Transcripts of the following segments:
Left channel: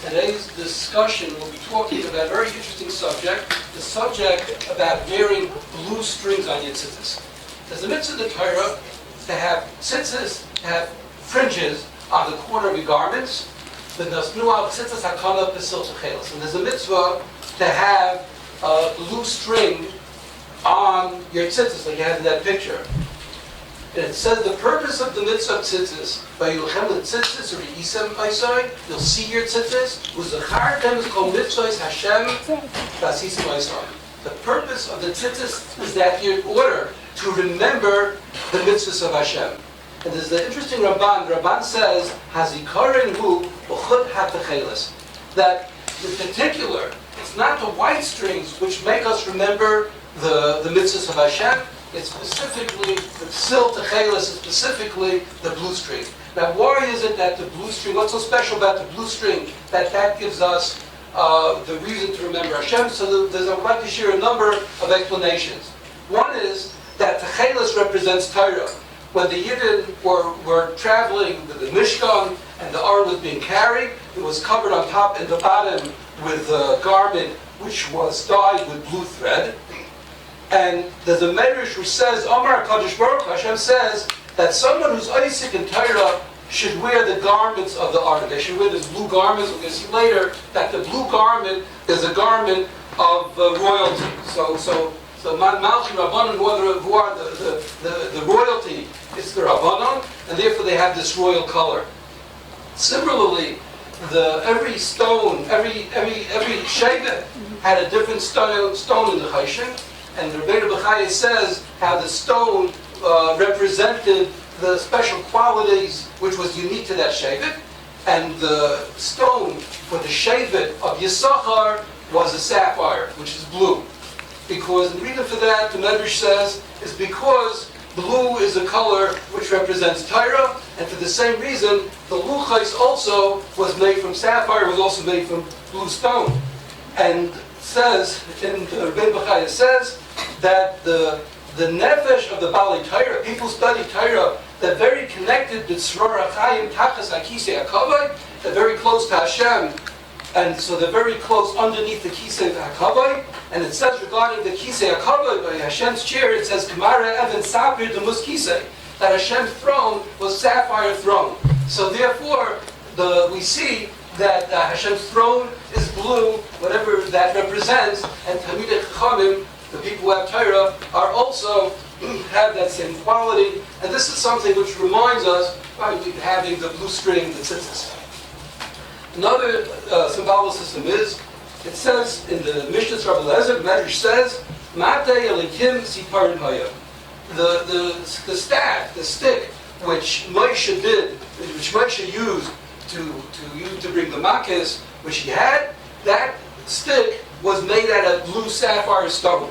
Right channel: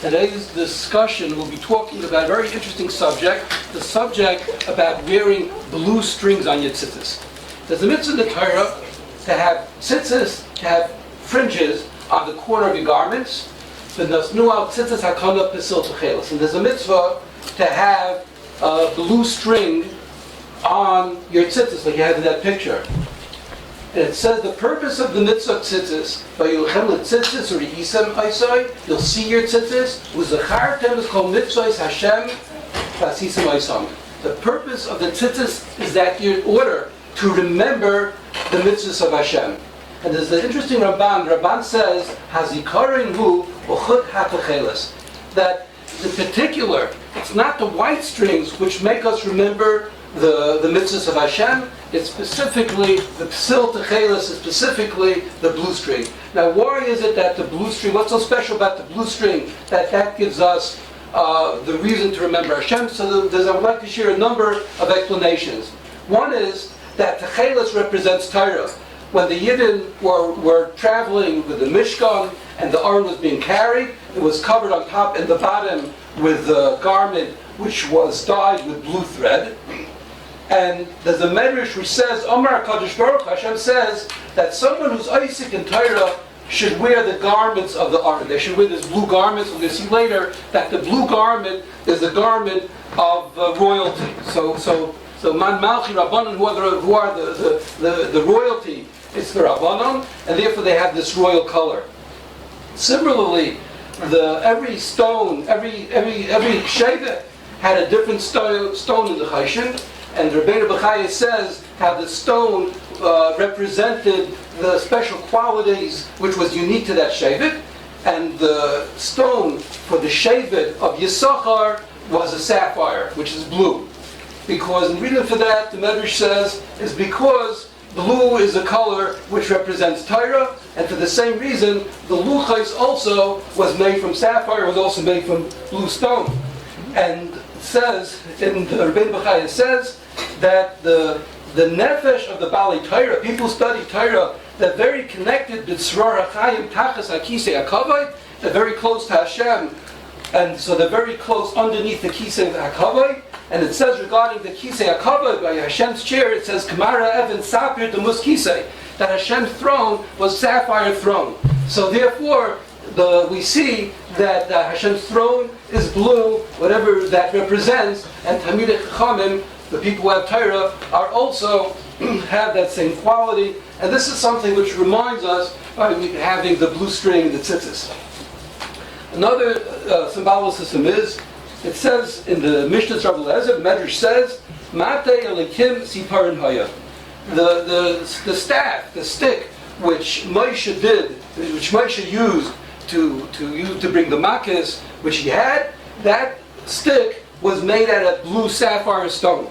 Today's discussion will be talking about a very interesting subject, the subject about wearing blue strings on your tzitzis. There's a mitzvah in the Torah to have tzitzis, to have fringes on the corner of your garments. And there's a mitzvah to have a blue string on your tzitzis, like you had in that picture. And it says the purpose of the mitzvah of tzitzis, by tzitzis or isem aisai, you'll see your tzitzis, uzachartem is called mitzvahs Hashem vasisem aisam. The purpose of the tzitzis is that you're in order to remember the mitzvahs of Hashem. And there's the interesting Ramban says, hazikarin hu uchud ha-Techeiles, that the particular, it's not the white strings which make us remember the mitzvahs of Hashem. It's specifically, the Psil Techeiles is specifically the blue string. Now why is it that the blue string, what's so special about the blue string, that gives us the reason to remember Hashem? So I would like to share a number of explanations. One is that Techeiles represents Torah. When the Yidden were traveling with the Mishkan and the Aron was being carried, it was covered on top and the bottom with a garment which was dyed with blue thread. And there's a medrash which says, Omar Kadosh Baruch Hashem says that someone who's Isaac in Torah should wear the garments of the Aron. They should wear this blue garments. We're going to see later that the blue garment is a garment of royalty. So Man Malchi Rabbanon, who are the royalty, it's the Rabbanon, and therefore they have this royal color. Similarly, every stone, every shevet had a different stone in the Choshen. And Rabbi Bechaya says how the stone represented the special qualities which was unique to that shevet, and the stone for the shevet of Yisachar was a sapphire, which is blue. Because, the reason for that, the Medrash says, is because blue is a color which represents Torah, and for the same reason, the luchos also was made from sapphire, was also made from blue stone. And it says, in the Rabbi Bechaya says, that the nefesh of the Bali Torah, people study Torah, they're very connected to Tzror HaChaim, Tachas HaKisei HaKavod, they're very close to Hashem, and so they're very close underneath the Kisei HaKavod. And it says regarding the Kisei HaKavod, by Hashem's chair, it says, Kamara Evan Sapir Demus Kisei, that Hashem's throne was sapphire throne. So therefore, we see that Hashem's throne is blue, whatever that represents, and Talmidei Chachamim, the people who have Torah, are also have that same quality. And this is something which reminds us by having the blue string, the tzitzis. Another symbolicism is, it says in the Mishnah Rabbi Lezer, Medrash says, Matei Elikim Siparin Haya. The staff, the stick, which Moshe used to bring the makkos, which he had, that stick was made out of blue sapphire stone.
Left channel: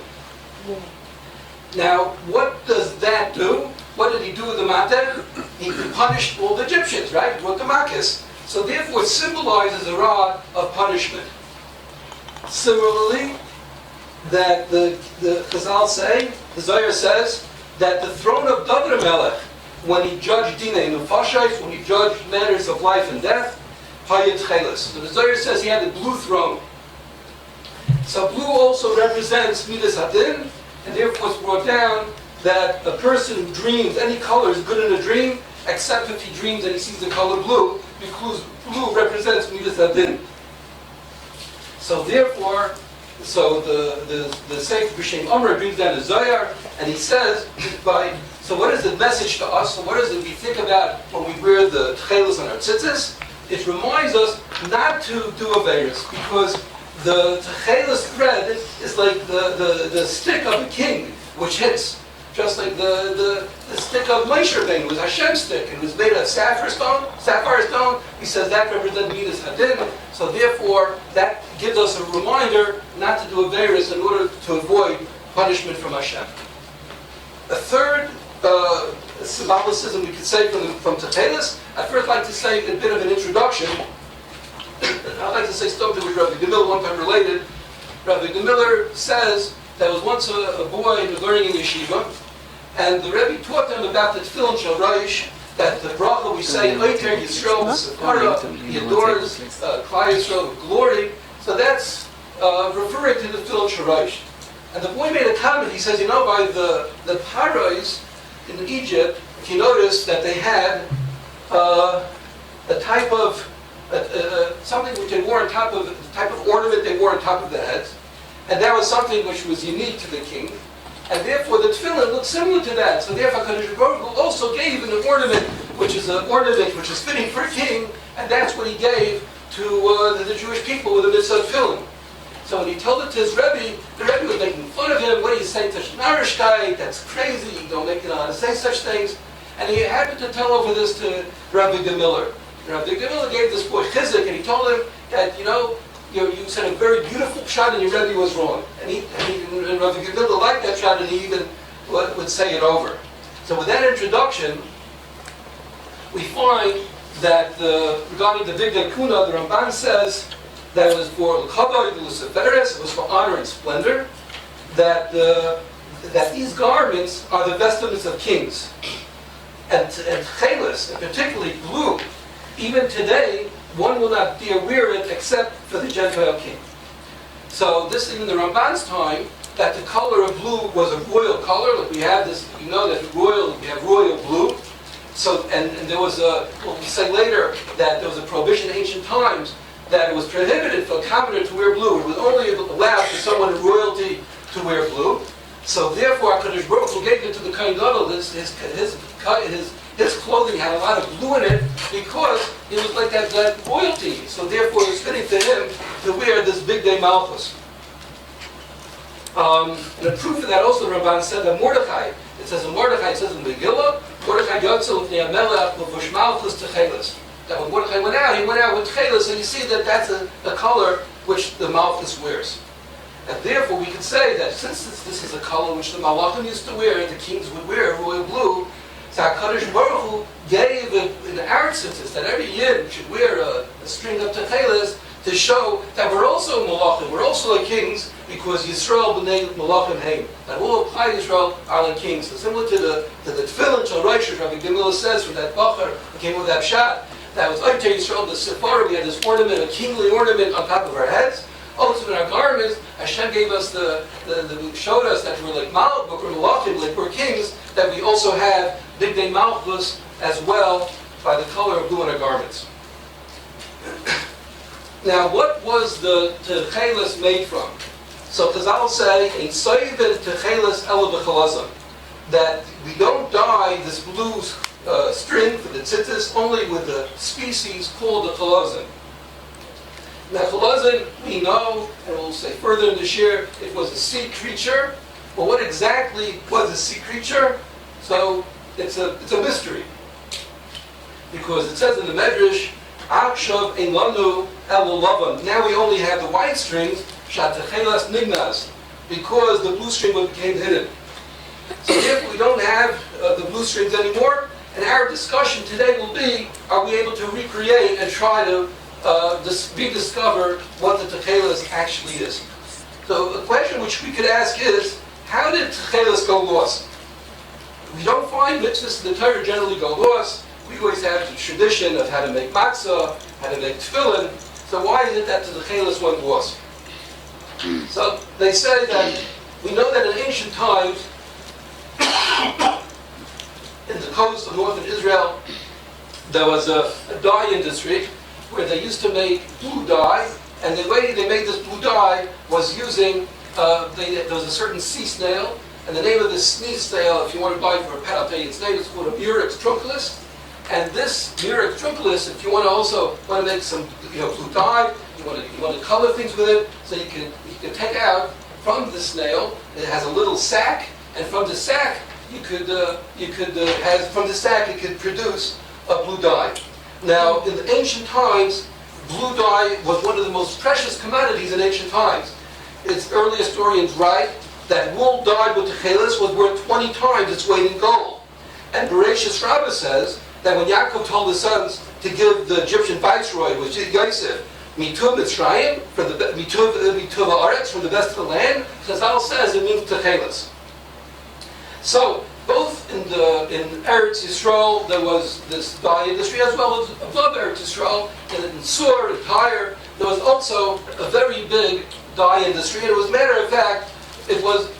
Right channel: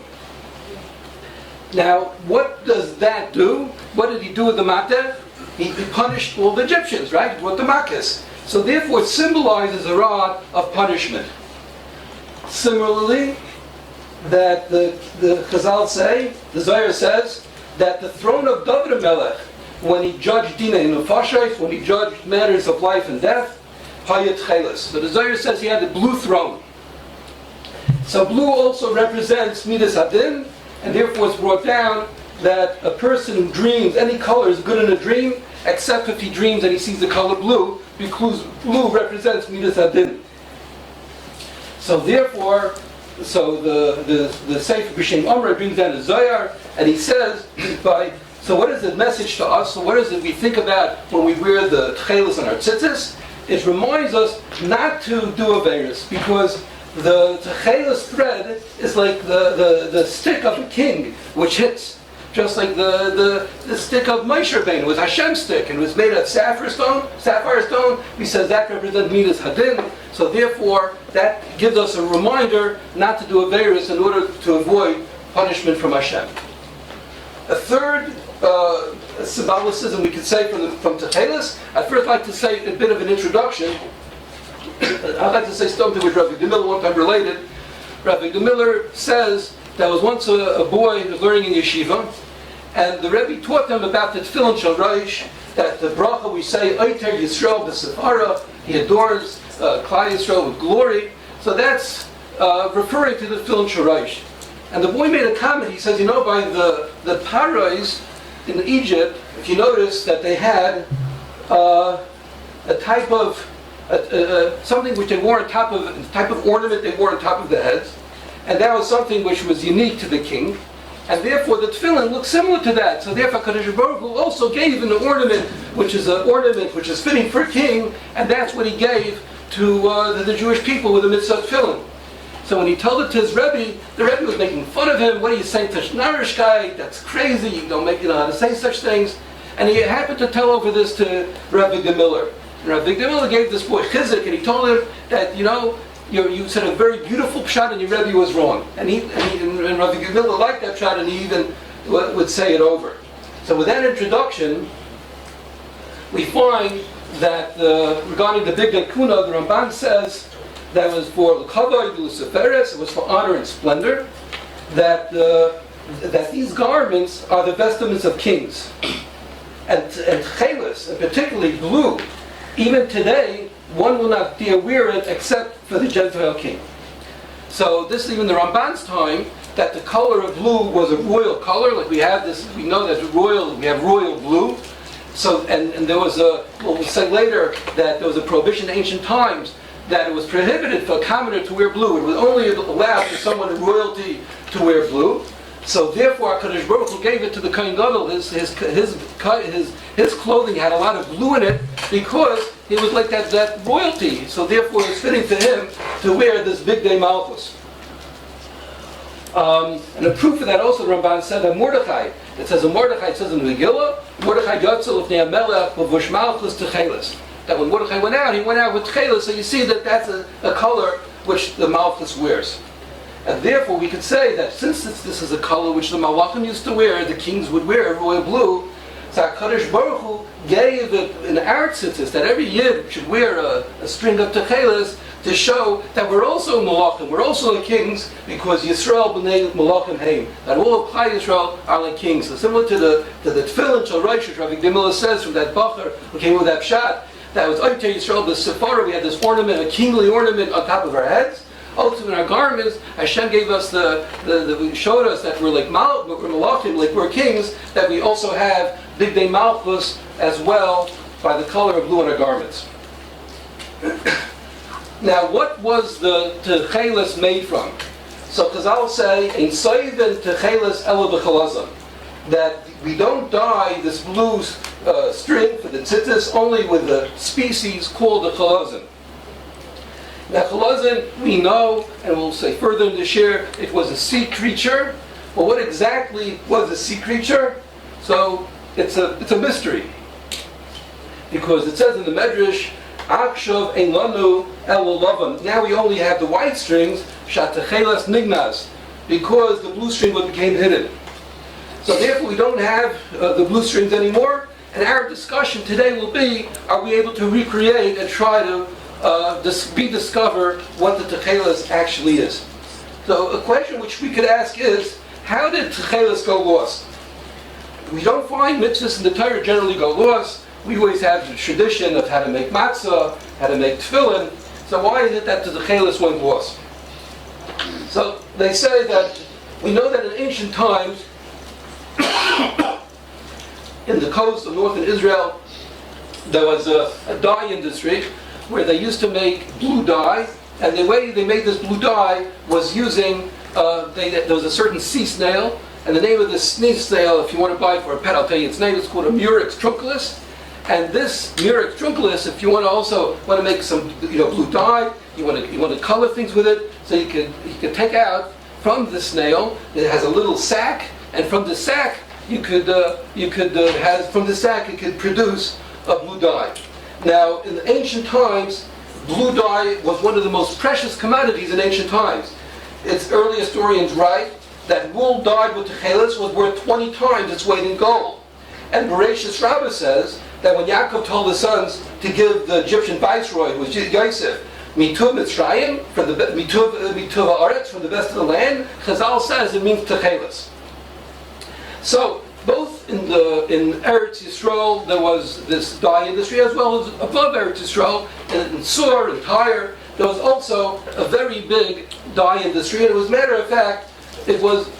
Now, what does that do? What did he do with the mateh? He punished all the Egyptians, right? With the makkos. So therefore it symbolizes a rod of punishment. Similarly, that the Chazal say, the Zohar says, that the throne of David Melech, when he judged Dinei Nefashos, when he judged matters of life and death, Hayat Techeiles. So the Zohar says he had the blue throne. So blue also represents Midas Adin, and therefore it's brought down that a person who dreams any color is good in a dream, except if he dreams and he sees the color blue, because blue represents Midas Adin. So therefore, the Sefer B'Shem Amr brings down the Zohar, and he says, so what is the message to us? So what is it we think about when we wear the Techeiles on our tzitzis? It reminds us not to do Averis, because the Techeiles thread is like the stick of a king, which hits. Just like the stick of Moshe Rabbeinu was Hashem's stick, and it was made of sapphire stone. He says that represents Midas Hadin. So therefore, that gives us a reminder not to do Averis in order to avoid punishment from Hashem. A third symbolicism we could say from Techeiles, I'd first like to say a bit of an introduction. I'd like to say something which Rabbi Miller one time related. Rabbi Miller says there was once a boy learning in yeshiva, and the Rebbe taught them about the tefillin shel Rosh, that the bracha we say, Oiter Yisrael b'Sefara, he adorns Klal Yisrael with glory. So that's referring to the tefillin shoraish. And the boy made a comment. He says, by the parais in Egypt, if you notice that they had a type of something which they wore on top of, a type of ornament they wore on top of the heads, and that was something which was unique to the king, and therefore the tefillin looked similar to that. So therefore, Kadosh Baruch Hu also gave an ornament which is an ornament which is fitting for a king, and that's what he gave to the Jewish people with the mitzvah tefillin. So when he told it to his Rebbe, the Rebbe was making fun of him. What are you saying, Tashnarishkeit? That's crazy. You don't make it how to say such things. And he happened to tell over this to Rabbi Miller. Rabbi Miller gave this boy chizik, and he told him that, you said a very beautiful pshat, and your Rebbe was wrong. And Rabbi Miller liked that pshat, and he even would say it over. So with that introduction, we find that regarding the Big Day Kuna, the Ramban says that was for L'Kavod Luciferes, it was for honor and splendor, that these garments are the vestments of kings. And Techeles, and particularly blue, even today, one will not dare wear it except for the Gentile king. So this is even the Ramban's time, that the color of blue was a royal color, like we have this, we know that we have royal blue. So, and there was we'll say later that there was a prohibition in ancient times that it was prohibited for a commoner to wear blue. It was only allowed for someone in royalty to wear blue. So therefore, HaKadosh Baruch Hu gave it to the Kohen Gadol. His clothing had a lot of blue in it because it was like that royalty. So therefore, it's fitting to him to wear this big day Malchus. And a proof of that also, the Ramban said that Mordechai. It says in Mordechai, it says in Megillah, Mordechai Yotzel of Ne'amelech Levush Malchus Techeles. That when Mordechai went out, he went out with Techeles, so you see that that's a color which the Malchus wears. And therefore we could say that since this is a color which the Malachim used to wear, the kings would wear royal blue, so HaKadosh Baruch Hu gave an our Tzizis that every year should wear a string of Techeles to show that we're also Malachim, we're also the kings, because Yisrael b'nei Malachim heim, that all of Klal Yisrael are the kings. So similar to the tefillin Shal Rabbi Yisroel says from that Bacher who came with that pshat, that was Oiter Yisrael b'Sefara, we had this ornament, a kingly ornament on top of our heads. Also in our garments, Hashem gave us showed us that we're like Malachim, like we're kings, that we also have Big Day Malchus as well by the color of blue in our garments. Now, what was the Techeles made from? So Chazal say, "Ein soiven Techeles ela b'Chilozon," that we don't dye this blue string for the Tzizis only with the species called the Chilozon. Now, Chilozon, we know, and we'll say further in the shir, it was a sea creature. Well, what exactly was a sea creature? So it's a mystery, because it says in the Medrash, "Akshav ein lanu el lavan." Now we only have the white strings, shat Techeles nignas, because the blue string became hidden. So therefore, we don't have the blue strings anymore. And our discussion today will be: are we able to recreate and try to rediscover what the Techeles actually is? So a question which we could ask is: how did Techeles go lost? We don't find mitzvahs in the Torah generally go lost. We always have the tradition of how to make matzah, how to make tefillin. So why is it that the Techeles went lost? So they say that we know that in ancient times, in the coast of northern Israel, there was a dye industry where they used to make blue dye, and the way they made this blue dye was using, there was a certain sea snail, and the name of this sea snail, if you want to buy it for a pet, I'll tell you its name, it's called a Murex Trunculus. And this Murex Trunculus, if you want to make some blue dye, you want to color things with it, so you can take out from the snail, it has a little sac, and from the sac it could produce a blue dye. Now, in the ancient times, blue dye was one of the most precious commodities in ancient times. Its early historians write that wool dyed with Techeles was worth 20 times its weight in gold. And Bereshis Rabbah says that when Yaakov told his sons to give the Egyptian viceroy, which is Yosef, Mituv Mitzrayim, from the Mituv Haaretz, from the best of the land, Chazal says it means Techeles. So both in Eretz Yisrael there was this dye industry, as well as above Eretz Yisrael, in Sur and Tyre, there was also a very big dye industry. And it was, matter of fact, it was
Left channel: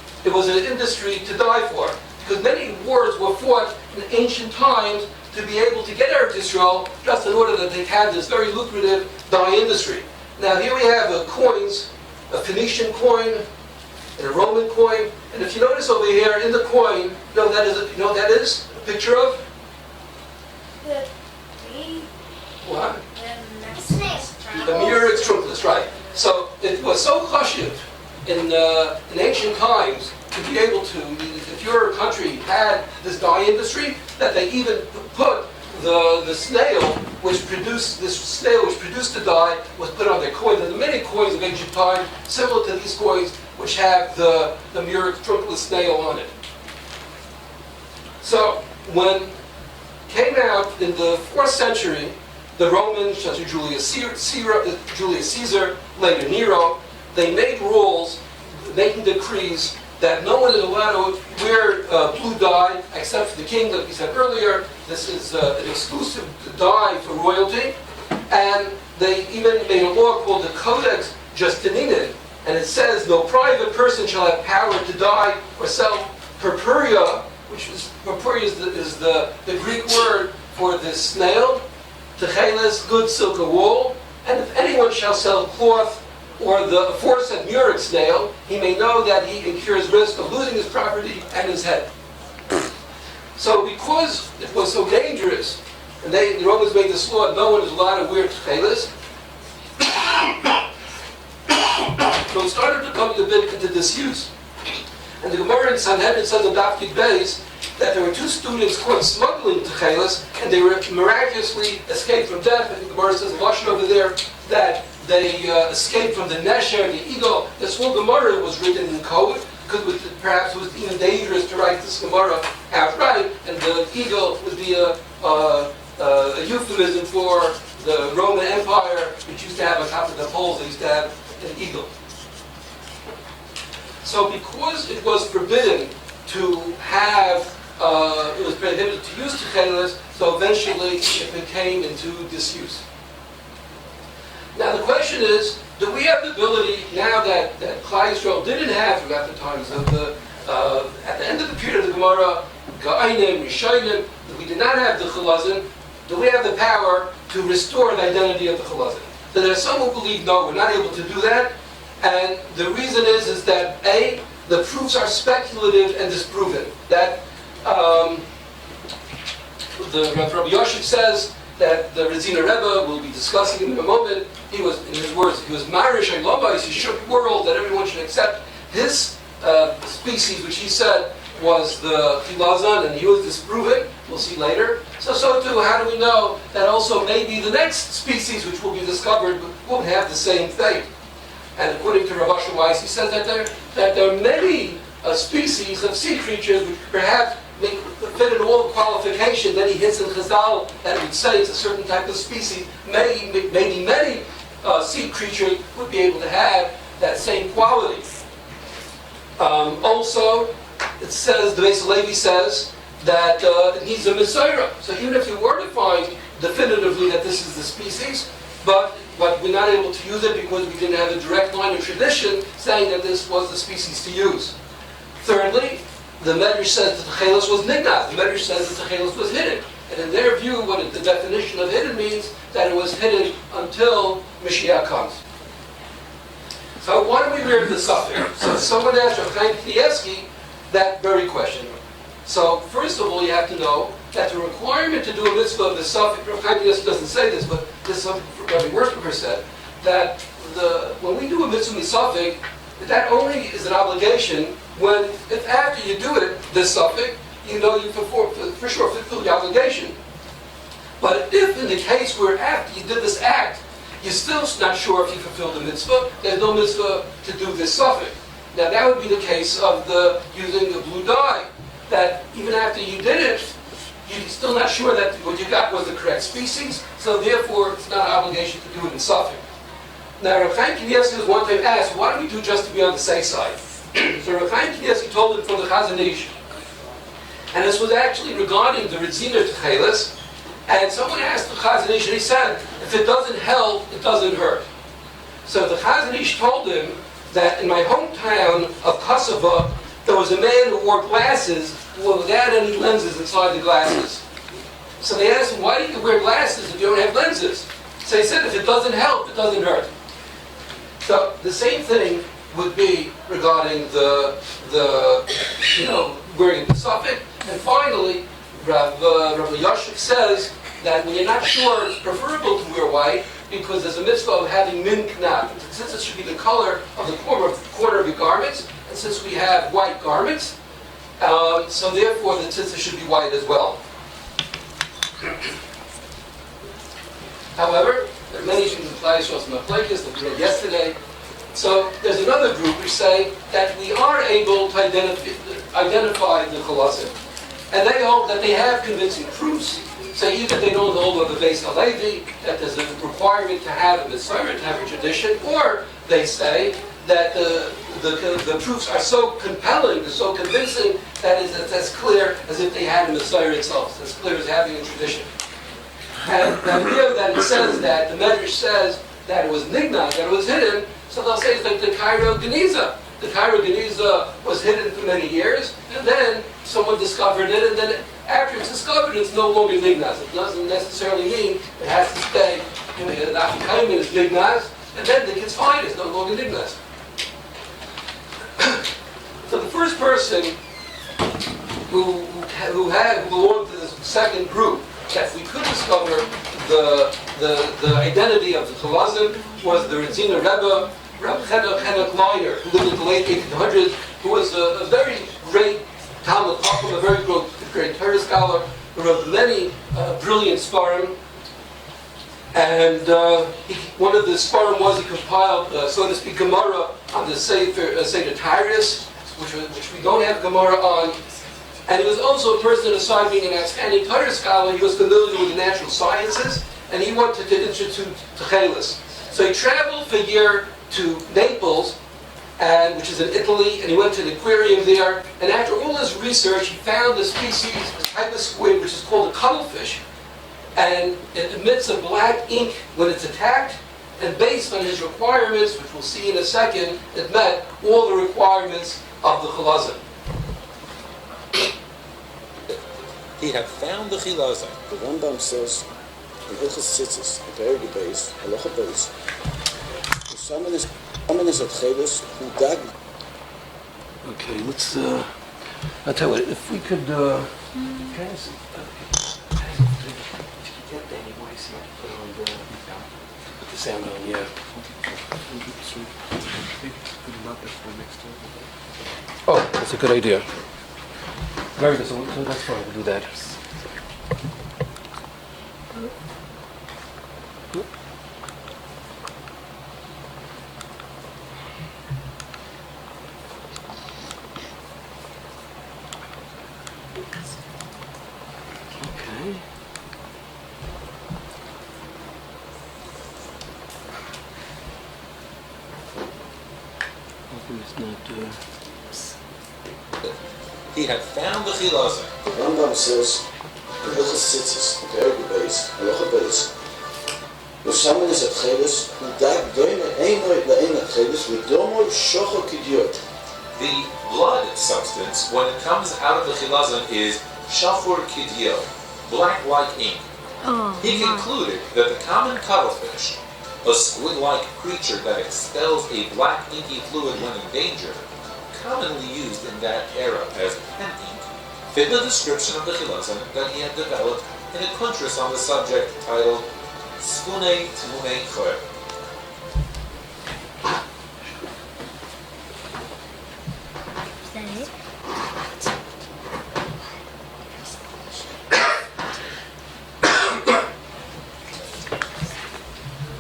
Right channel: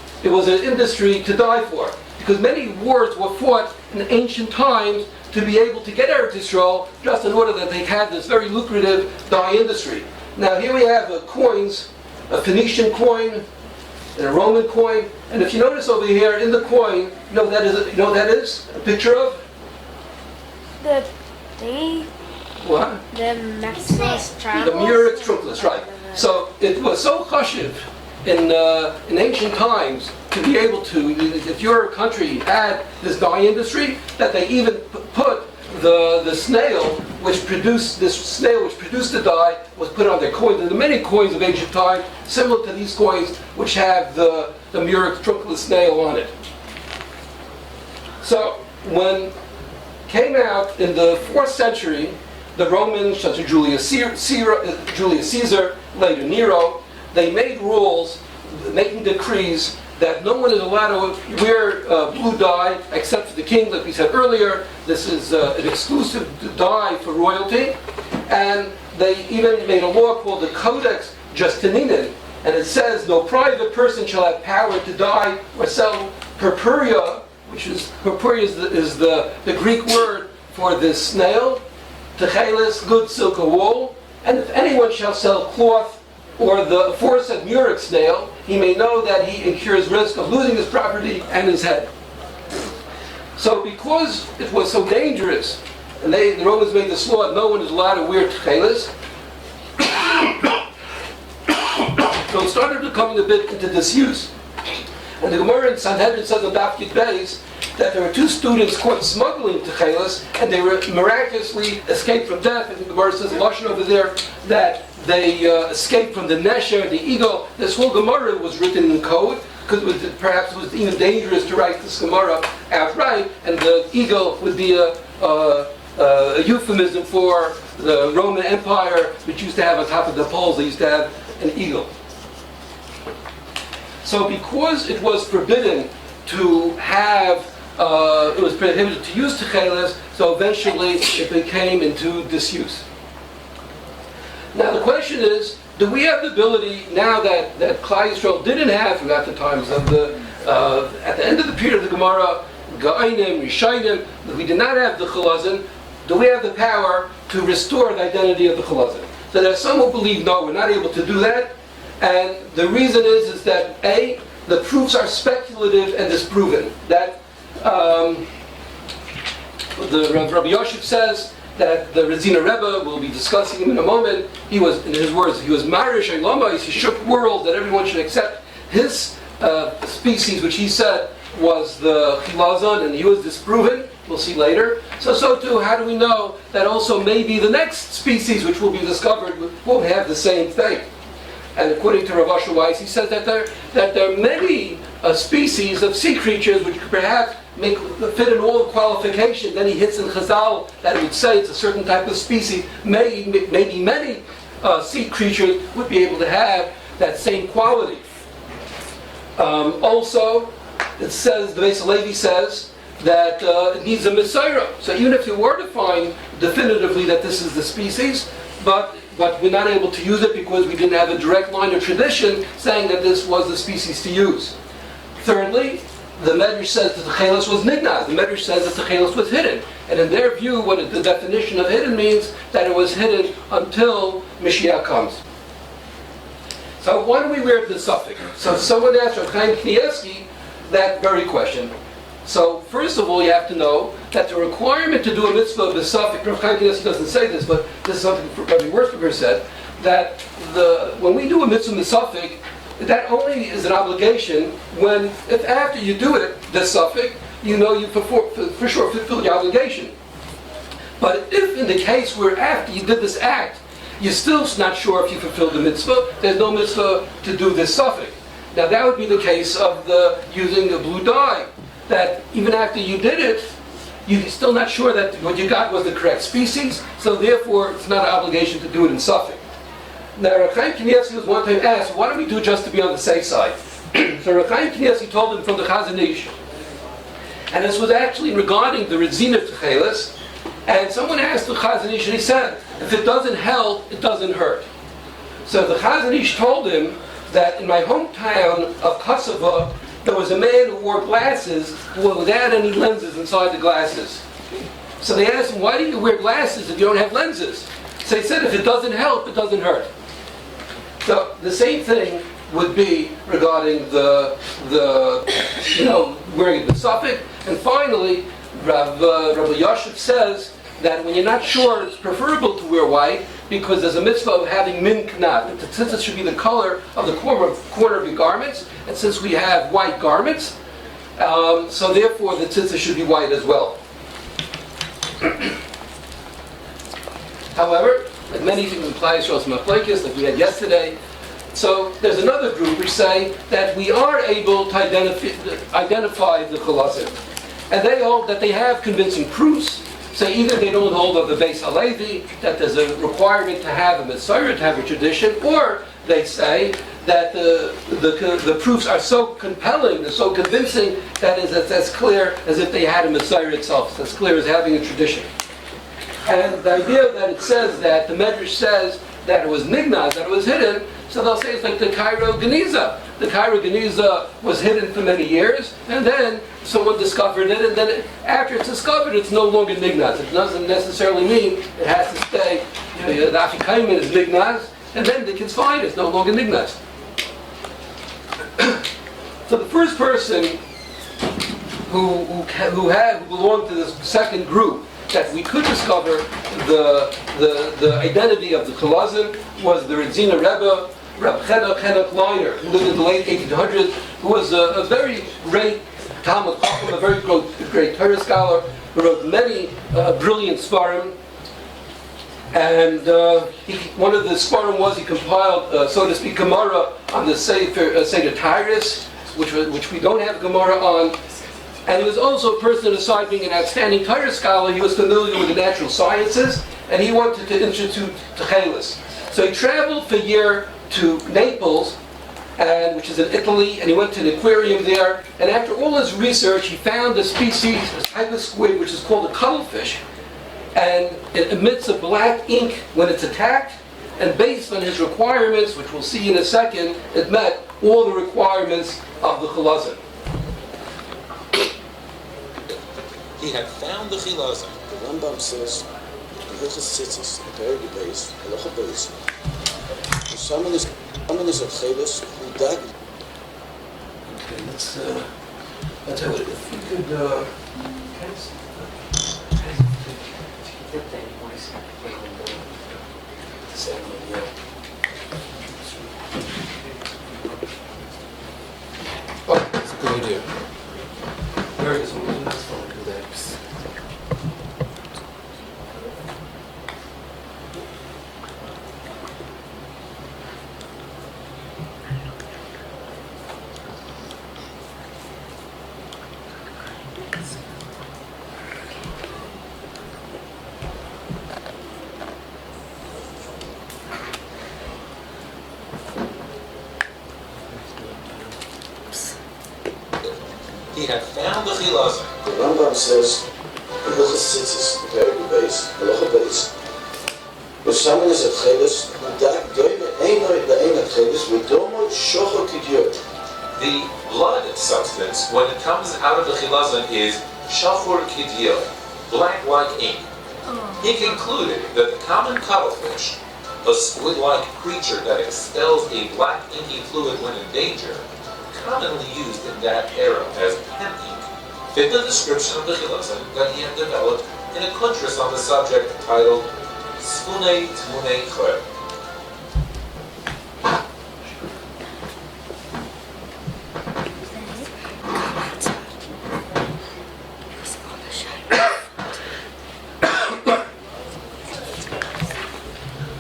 an industry to die for, because many wars were fought in ancient times to be able to get Eretz Yisrael, just in order that they had this very lucrative dye industry. Now here we have coins, a Phoenician coin, and a Roman coin, and if you notice over here in the coin, you know what that is a picture of? The thingy? What? The Maximus The Murex Trunculus, right. So it was so chashiv in ancient times to be able to, if your country had this dye industry, that they even put the snail which produced the dye was put on their coins. And there are many coins of ancient time similar to these coins which have the Murex Trunculus snail on it. So when came out in the 4th century, the Romans, such as Julius Caesar, later Nero, they made rules, making decrees that no one is allowed to wear blue dye except for the king, like we said earlier. This is an exclusive dye for royalty. And they even made a law called the Codex Justinian, and it says no private person shall have power to dye or sell purpurea, purpurea is the Greek word for this snail, Techeiles, good silk or wool, and if anyone shall sell cloth or the aforesaid Murex snail, he may know that he incurs risk of losing his property and his head. So because it was so dangerous, and the Romans made this law that no one is allowed to wear Techeiles, so it started becoming a bit into disuse. And the Gemara in Sanhedrin says on Daf Yud Beis that there were 2 students caught smuggling Techeiles, and they were miraculously escaped from death. And the Gemara says, Lashon over there, that they escaped from the Nesher and the eagle. This whole Gemara was written in code, because perhaps it was even dangerous to write this Gemara outright, and the eagle would be a euphemism for the Roman Empire, which used to have on top of the poles, they used to have an eagle. So because it was forbidden to have, it was prohibited to use Techeiles, so eventually it became into disuse. Now the question is, do we have the ability, now that Klal Yisrael didn't have throughout the times of at the end of the period of the Gemara, Ga'ainim, Rishayim, we did not have the Chilozon, do we have the power to restore the identity of the Chilozon? So there are some who believe, no, we're not able to do that. And the reason is that A, the proofs are speculative and disproven. That the Rabbi Yosef says that the Rezina Rebbe, we'll be discussing him in a moment, he was, in his words, he was Marish Lama, he shook world, that everyone should accept his species, which he said was the Chilozon, and he was disproven. We'll see later. So too, how do we know that also maybe the next species which will be discovered won't have the same fate? And according to Rav Asher Weiss, he says that there are many species of sea creatures which perhaps fit in all the qualifications. Then he hits in Chazal that it would say it's a certain type of species. Maybe many sea creatures would be able to have that same quality. Also, it says, the Beis Levi says, that it needs a Messiah. So even if you were to find definitively that this is the species, but we're not able to use it because we didn't have a direct line of tradition saying that this was the species to use. Thirdly, the Medrash says that Techeiles was nignaz. The Medrash says that Techeiles was hidden. And in their view, what the definition of hidden means, that it was hidden until Mashiach comes. So why do we wear the suffix? So someone asked Rav Chaim Kanievsky that very question. So first of all, you have to know that the requirement to do a mitzvah of the suffix, Rav Chaim Kanievsky doesn't say this, but this is something Rabbi Yisroel said, that when we do a mitzvah of the suffix, that only is an obligation when, if after you do it, the suffix, you know you for sure fulfill the obligation. But if in the case where after you did this act, you're still not sure if you fulfilled the mitzvah, there's no mitzvah to do this suffix. Now that would be the case of using the blue dye, that even after you did it, you're still not sure that what you got was the correct species, so therefore it's not an obligation to do it in suffix. Now Rav Chaim Kanievsky was one time asked, why do we do just to be on the safe side? So Rav Chaim Kanievsky told him from the Chazon Ish, And this was actually regarding the Rediscover Techeiles. And someone asked the Chazon Ish, and he said, if it doesn't help, it doesn't hurt. So the Chazon Ish told him that in my hometown of Kosovo, there was a man who wore glasses without any lenses inside the glasses. So they asked him, why do you wear glasses if you don't have lenses? So he said, if it doesn't help, it doesn't hurt. So the same thing would be regarding the wearing the suffix. And finally, Rabbi Yosef says that when you're not sure, it's preferable to wear white because there's a mitzvah of having min knad. The tzitzis should be the color of the corner of your garments, and since we have white garments, so therefore the tzitzis should be white as well. However, as many implies Symbolisim of Techeles, like we had yesterday, so there's another group which say that we are able to identify the Chilozon. And they hold that they have convincing proofs. So either they don't hold on the Beis Halevi, that there's a requirement to have a Messiah, to have a tradition, or they say that the proofs are so compelling, they're so convincing, that is as clear as if they had a Messiah itself. It's as clear as having a tradition. And the idea that it says that, the Medrash says that it was nignaz, that it was hidden, so they'll say it's like the Cairo Geniza. The Cairo Geniza was hidden for many years, and then someone discovered it, and then after it's discovered, it's no longer nignaz. It doesn't necessarily mean it has to stay, the Afikaim is nignaz, and then the kids find it's no longer nignaz. So the first person who belonged to this second group that we could discover the identity of the Chilozon was the Redzina Rebbe, Rabbi Chenek Leiner, who lived in the late 1800s, who was a very great Talmud Chacham, a very great Torah scholar, who wrote many brilliant Sfarim. And one of the Sfarim was he compiled, so to speak, Gemara on the Seder Tyrus, which we don't have Gemara on. And he was also a person, aside being an outstanding Torah scholar, he was familiar with the natural sciences, and he wanted to institute Techeiles. So he traveled for a year to Naples, which is in Italy, and he went to an aquarium there. And after all his research, he found a species, a type of squid, which is called a Cuttlefish. And it emits a black ink when it's attacked, and based on his requirements, which we'll see in a second, it met all the requirements of the Chilozon. He had found the Chilozon. The Rambam says in Hilchos Tzizis, in Perek Beis, Halacha Beis, the shaman is Techeles who dag. Okay, let's. I'll tell you what, if we could. Guys, get that, you want to see the sound on, yeah. Oh, that's a good idea. Very good, so that's fine, we'll do that. He had found the Chilozon. The Rambam says in Hilchos Tzizis, in Perek Beis, Halacha Beis, the shaman is Techeles who dag doime einoi le'ein Techeles v'domoi shocho kidyot. The blood substance, when it comes out of the Chilozon, is shachor kidyot, black like ink. He concluded that the common cuttlefish, a squid-like creature that expels a black inky fluid when in danger, commonly used in that era as pen ink, fit the description of the Chilozon that he had developed in a kuntras on the subject titled Sfunei Tmunei Chor.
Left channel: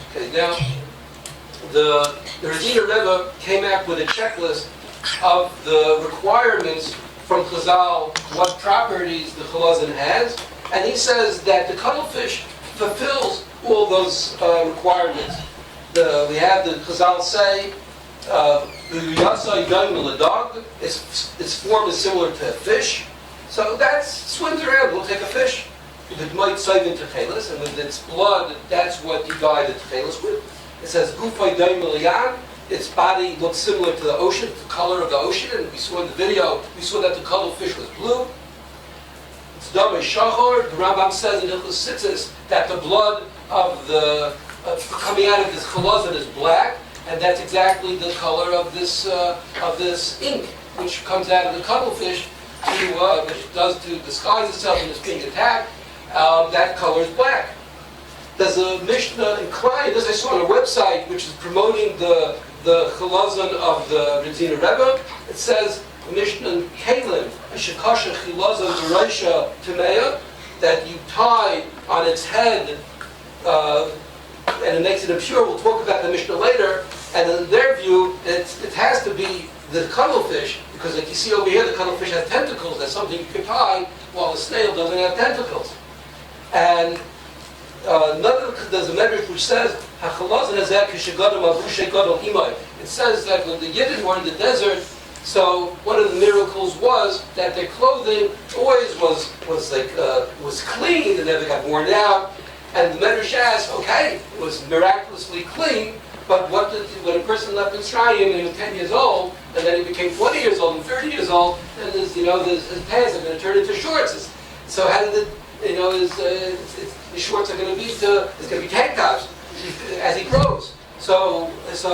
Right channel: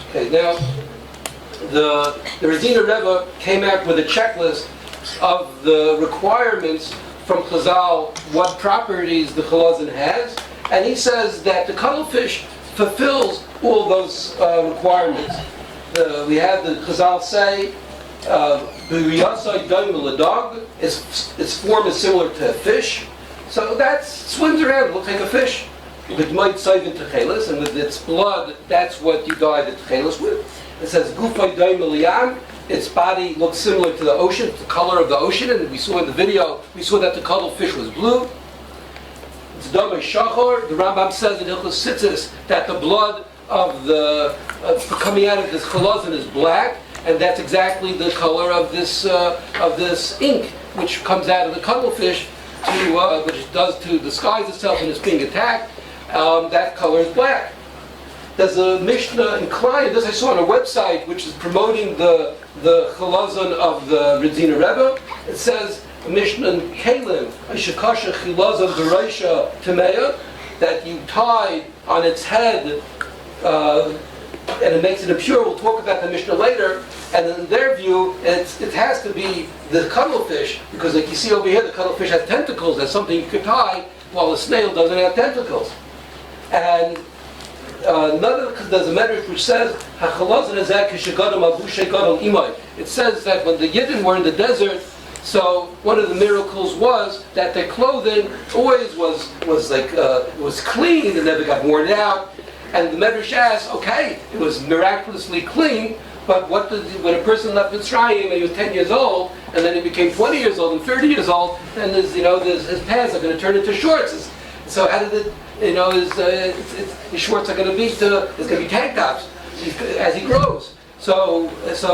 Okay, now the Rediscover Rebbe came out with a checklist of the requirements from Chazal, what properties the Chilozon has, and he says that the cuttlefish fulfills all those requirements. We have the Chazal say, its form is similar to a fish. So that swims around, it looks like a fish. With might save in Techeles, and with its blood, that's what you dyed the Techeles with. It says Gufay Daim Elian. Its body looks similar to the ocean, the color of the ocean, and we saw in the video, we saw that the cuttlefish was blue. It's Demise Shachor. The Rambam says in Hilchos Tzitzis that the blood of the coming out of this Chilozon is black, and that's exactly the color of this ink, which comes out of the cuttlefish, which it does to disguise itself when it's being attacked. That color is black. There's a Mishnah in Klein, this I saw on a website, which is promoting the Chilozon of the Redziner Rebbe. It says, Mishnah in Kalim, Shekasha Chilozon Dereisha Tameya, that you tie on its head, and it makes it impure. We'll talk about the Mishnah later. And in their view, it has to be the cuttlefish, because like you see over here, the cuttlefish has tentacles. That's something you could tie, while the snail doesn't have tentacles. And there's a medrash which says, it says that when the Yidden were in the desert, so one of the miracles was that their clothing always was clean and never got worn out. And the medrash asks, okay, it was miraculously clean, but when a person left Mitzrayim and he was 10 years old, and then he became 20 years old and 30 years old, then his pants are going to turn into shorts. So how did it? His shorts are going to be it's going to be tank tops as he grows. So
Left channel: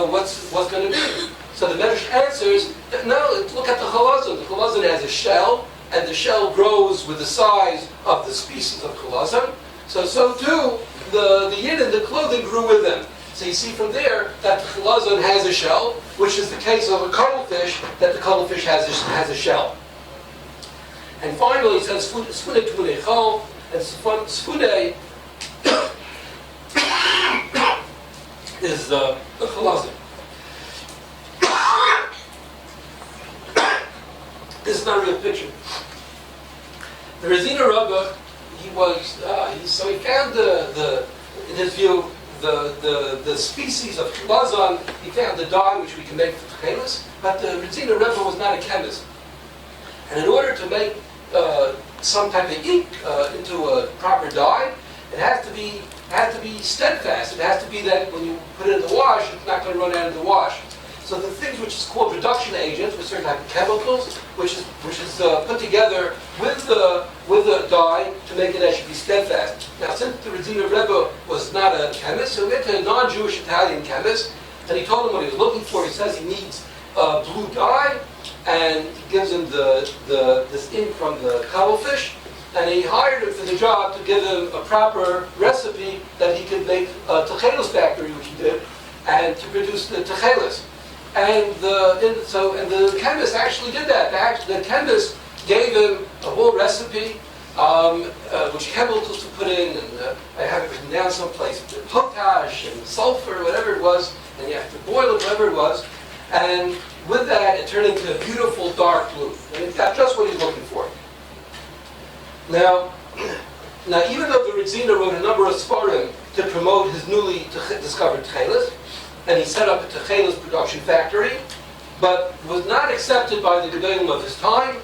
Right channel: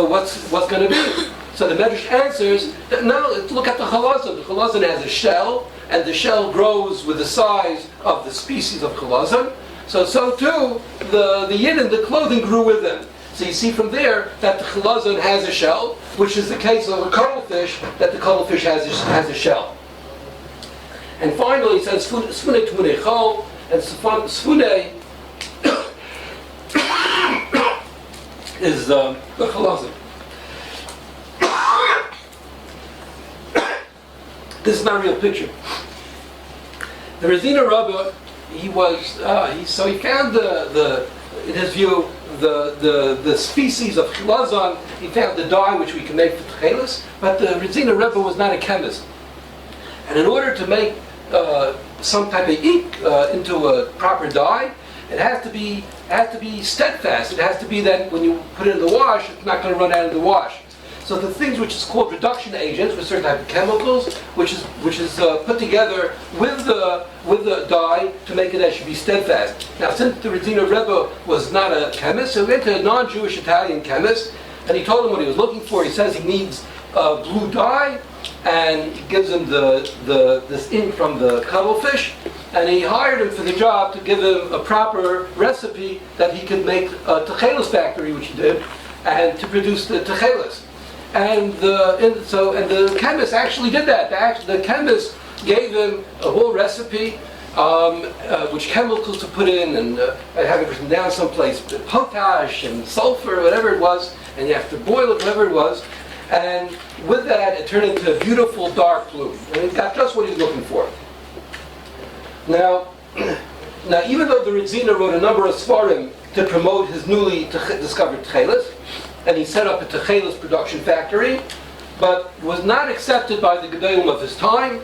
what's going to be? So the Medrash answers that no. Look at the Chilozon. The Chilozon has a shell, and the shell grows with the size of the species of Chilozon. So too the Yidden, the clothing grew with them. So you see from there that the Chilozon has a shell, which is the case of a cuttlefish, that the cuttlefish has a shell. And finally, it says Sfune Tmune Chol, and Sfune is the Chilozon. This is not a real picture. The Redziner Rebbe, he found in his view, the species of Chilozon. He found the dye which we can make for Techeles, but the Redziner Rebbe was not a chemist. And in order to make some type of ink into a proper dye, it has to be steadfast. It has to be that when you put it in the wash, it's not going to run out of the wash. So the things which is called reduction agents, with certain type of chemicals, which is put together with the dye to make it that should be steadfast. Now, since the Redziner Rebbe was not a chemist, so he went to a non-Jewish Italian chemist, and he told him what he was looking for. He says he needs blue dye, and he gives him this ink from the cuttlefish, and he hired him for the job to give him a proper recipe that he could make a Techeiles factory, which he did, and to produce the Techeiles. And the chemist actually did that. The chemist gave him a whole recipe, which chemicals to put in, and I have it written down someplace, potash and sulfur, whatever it was, and you have to boil it, whatever it was. And with that, it turned into a beautiful dark blue. And it got just what he's looking for. Now, even though the Redziner wrote a number of Sfarim to promote his newly discovered Techeles, and he set up a Techeles production factory, but was not accepted by the Gedolim of his time.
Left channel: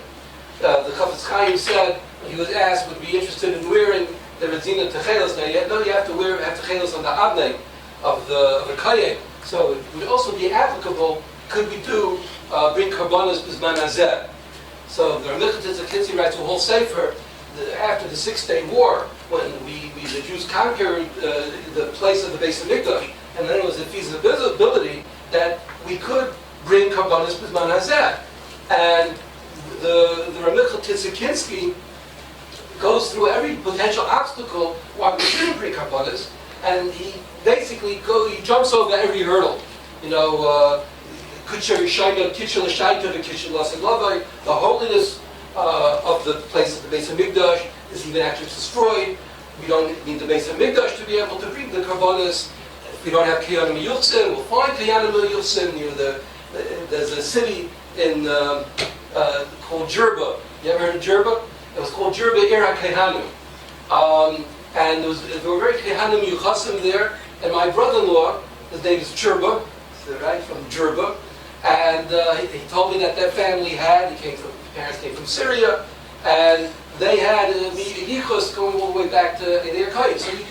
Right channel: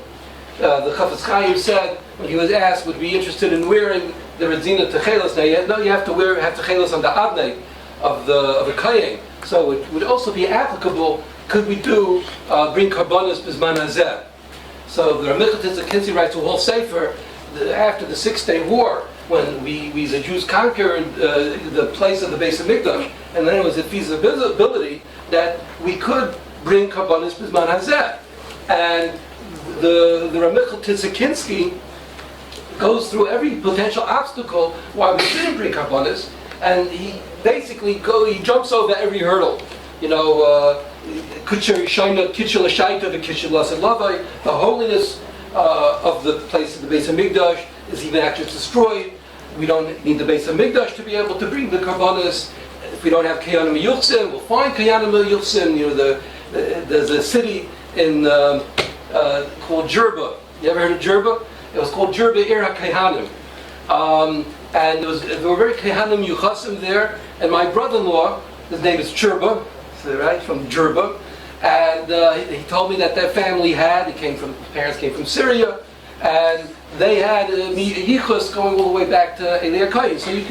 The Chafetz Chaim said, when he was asked, would be interested in wearing the Redziner Techeles, now you have to have Techeles on the Adnei of the Kayin. So it would also be applicable, could we bring Karbonos Bizman Hazeh. So the Ramicha Tzizis writes a whole sefer after the 6-Day War, when the Jews conquered the place of the Beis HaMikdash, and then it was a feasibility that we could bring Karbonos Bizman Hazeh. And the Ramicha Tzizis goes through every potential obstacle why we shouldn't bring Karbonos, and he basically jumps over every hurdle. The holiness of the place of the Beis HaMikdash is even actually destroyed. We don't need the Beis HaMikdash to be able to bring the Karbonos. If we don't have Kayanim Yuchsin, we'll find Kayanim Yuchsin. There's a city in called Jerba. You ever heard of Jerba? It was called Jerba Ir HaKayanim. And there were very Kayanim Yuchasim there. And my brother-in-law, his name is Jerba, right, from Jerba. And he told me that their family his parents came from Syria, and they had yichus going all the way back to Eliyah Kohen. So you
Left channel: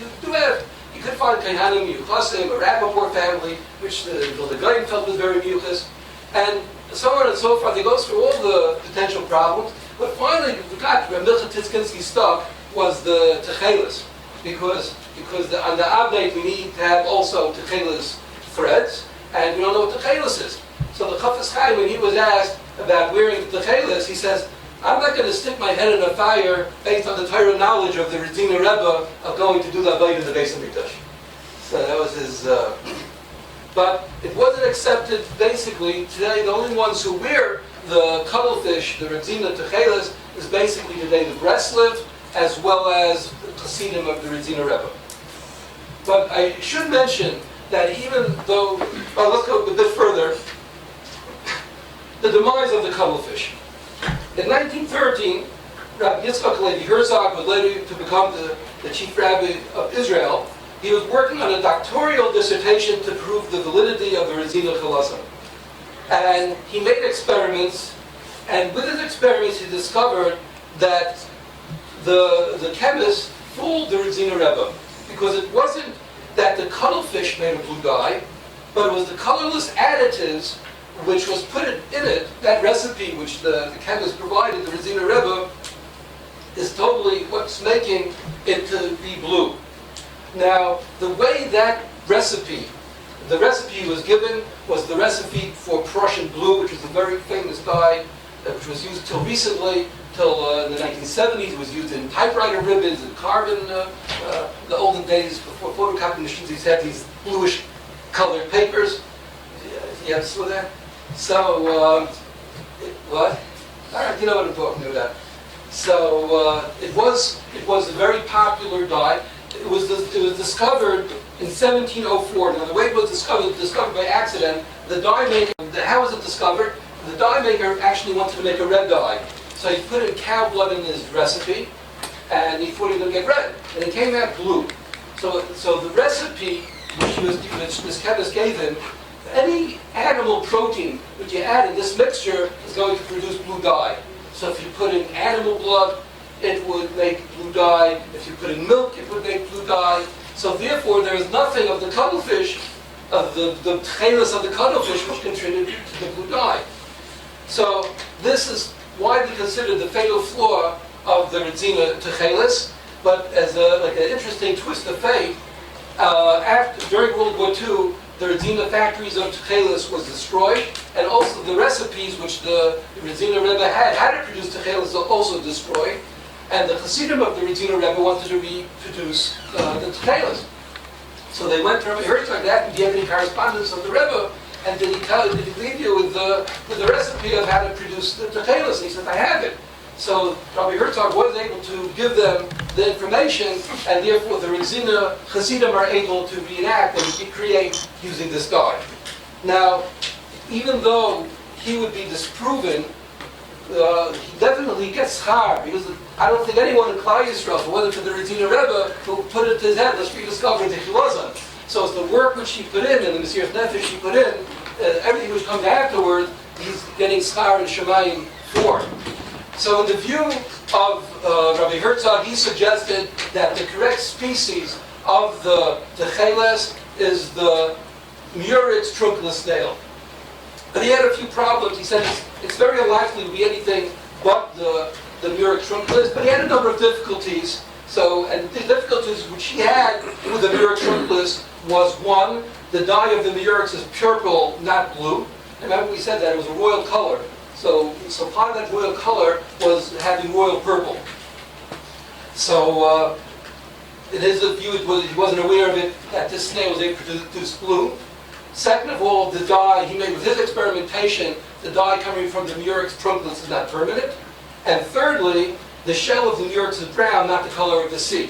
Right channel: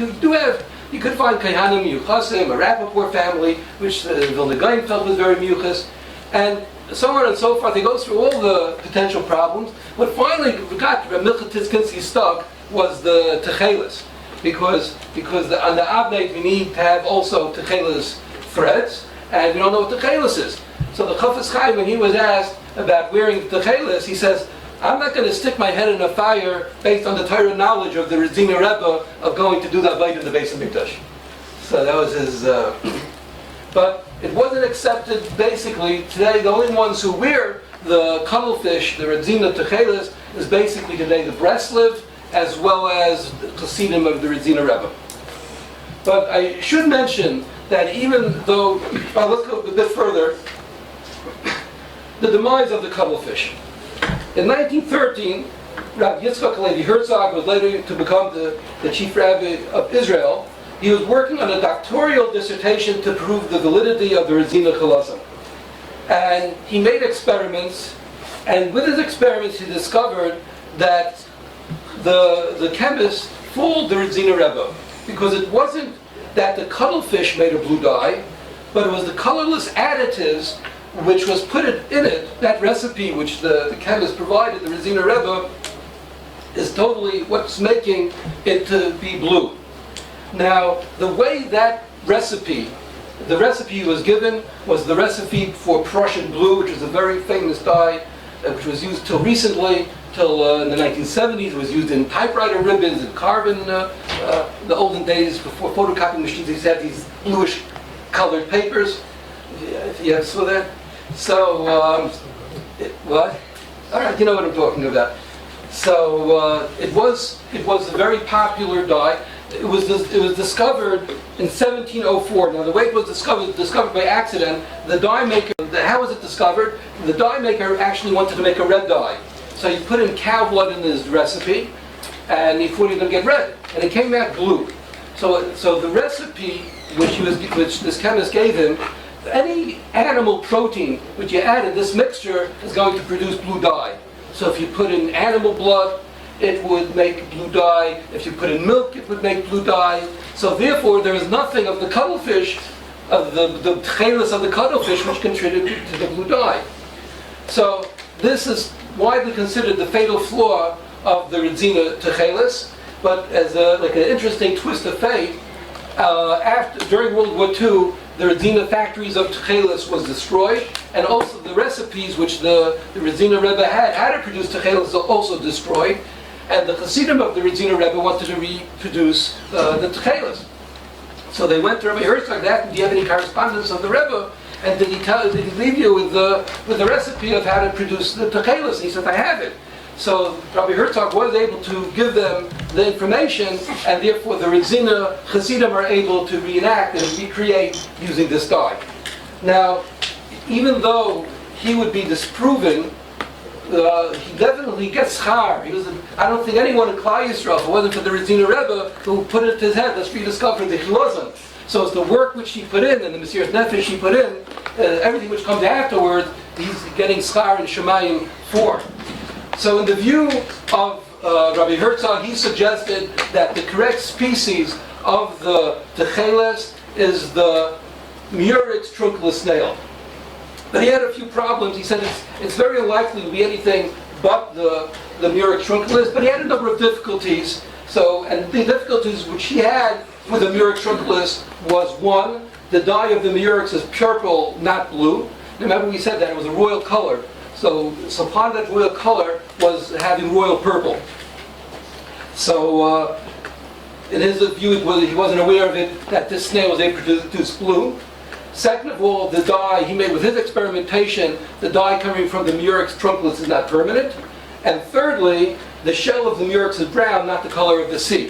could find Kehanim, Yuchasim, a Rappaport family, which the Vilna Gaon felt was very miyuchas, and so on and so forth. He goes through all the potential problems. What finally got Milcha Tzidkinsky stuck was the Techeles, because on the Abnei we need to have also Techeles threads, and we don't know what Techeles is. So the Chafetz Chaim, when he was asked about wearing Techeles, he says, I'm not going to stick my head in a fire based on the Torah knowledge of the Redzina Rebbe of going to do the Avodah of the Beis HaMikdash. So that was his... But it wasn't accepted, basically. Today, the only ones who wear the Cuttlefish, the Redzina Techeiles, is basically today the Breslev, as well as the Chassidim of the Redzina Rebbe. But I should mention that even though... let's go a bit further. The demise of the Cuttlefish. In 1913, Rabbi Yisroel Greenwald was later to become the chief rabbi of Israel. He was working on a doctoral dissertation to prove the validity of the Redzina Chilozon. And he made experiments, and with his experiments he discovered that the chemists fooled the Redzina Rebbe, because it wasn't that the cuttlefish made a blue dye, but it was the colorless additives which was put in it. That recipe which the chemist provided, the Redzina Rebbe, is totally what's making it to be blue. Now, the way that the recipe was given was the recipe for Prussian blue, which was a very famous dye, which was used till recently, till in the 1970s. It was used in typewriter ribbons and carbon, the olden days before photocopying machines. These had these bluish colored papers. You saw that? So, what? All right, you know what I'm talking about. So it was a very popular dye. It was discovered in 1704. Now the way it was discovered by accident. The dye maker. How was it discovered? The dye maker actually wanted to make a red dye, so he put in cow blood in his recipe, and he thought he was going to get red, and it came out blue. So the recipe which this chemist gave him, any animal protein which you add in this mixture is going to produce blue dye. So if you put in animal blood, it would make blue dye. If you put in milk, it would make blue dye. So therefore, there is nothing of the cuttlefish, of the Techeiles of the cuttlefish, which contributed to the blue dye. So this is widely considered the fatal flaw of the Redzina Techeiles. But as like an interesting twist of fate, during World War II, the Redzina factories of Techeiles was destroyed, and also the recipes which the Redzina Rebbe had how to produce Techeiles are also destroyed, and the Chassidim of the Redzina Rebbe wanted to reproduce the Techeiles. So they went to Rabbi Herzog and asked him, do you have any correspondence of the Rebbe? And did he leave you with the recipe of how to produce the Techeiles? And he said, I have it. So Rabbi Herzog was able to give them the information, and therefore the Redzina Chassidim are able to reenact and recreate using this dye. Now, even though he would be disproven, he definitely gets schar. I don't think anyone in Klal Yisrael, it wasn't for the Redzina Rebbe, who put it in his head, let's rediscover the Chilozon. So it's the work which he put in, and the Mesiras Nefesh he put in, everything which comes afterward, he's getting schar and Shemayim for. So in the view of Rabbi Herzog, he suggested that the correct species of the Techeiles is the Murex Trunculus snail. But he had a few problems. He said it's very unlikely to be anything but the Murex Trunculus, but he had a number of difficulties. And the difficulties which he had with the Murex Trunculus was, one, the dye of the Murex is purple, not blue. Remember we said that it was a royal color. So part of that royal color was having royal purple. So in his view, he wasn't aware of it, that this snail was able to produce blue. Second of all, the dye he made with his experimentation, the dye coming from the Murex Trunculus is not permanent. And thirdly, the shell of the Murex is brown, not the color of the sea.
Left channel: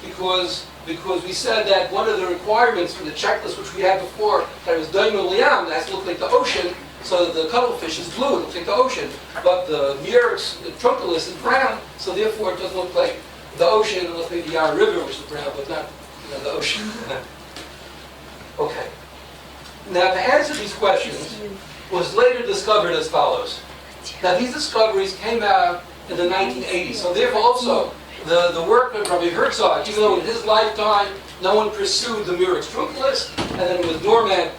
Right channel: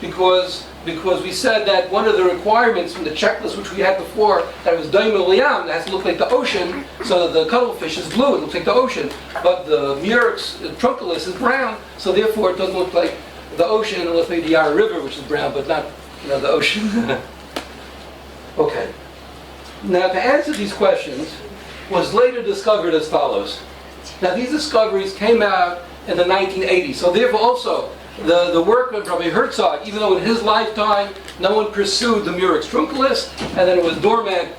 Because we said that one of the requirements from the checklist which we had before, that it was Daim Liam, that has to look like the ocean, so the cuttlefish is blue, it looks like the ocean. But the Murex Trunculus is brown, so therefore it doesn't look like the ocean, it looks like the Yarra River, which is brown, but not the ocean. Okay. Now to answer these questions was later discovered as follows. Now these discoveries came out in the 1980s. So therefore also, the work of Rabbi Herzog, even though in his lifetime no one pursued the Murex Trunculus, and then it was dormant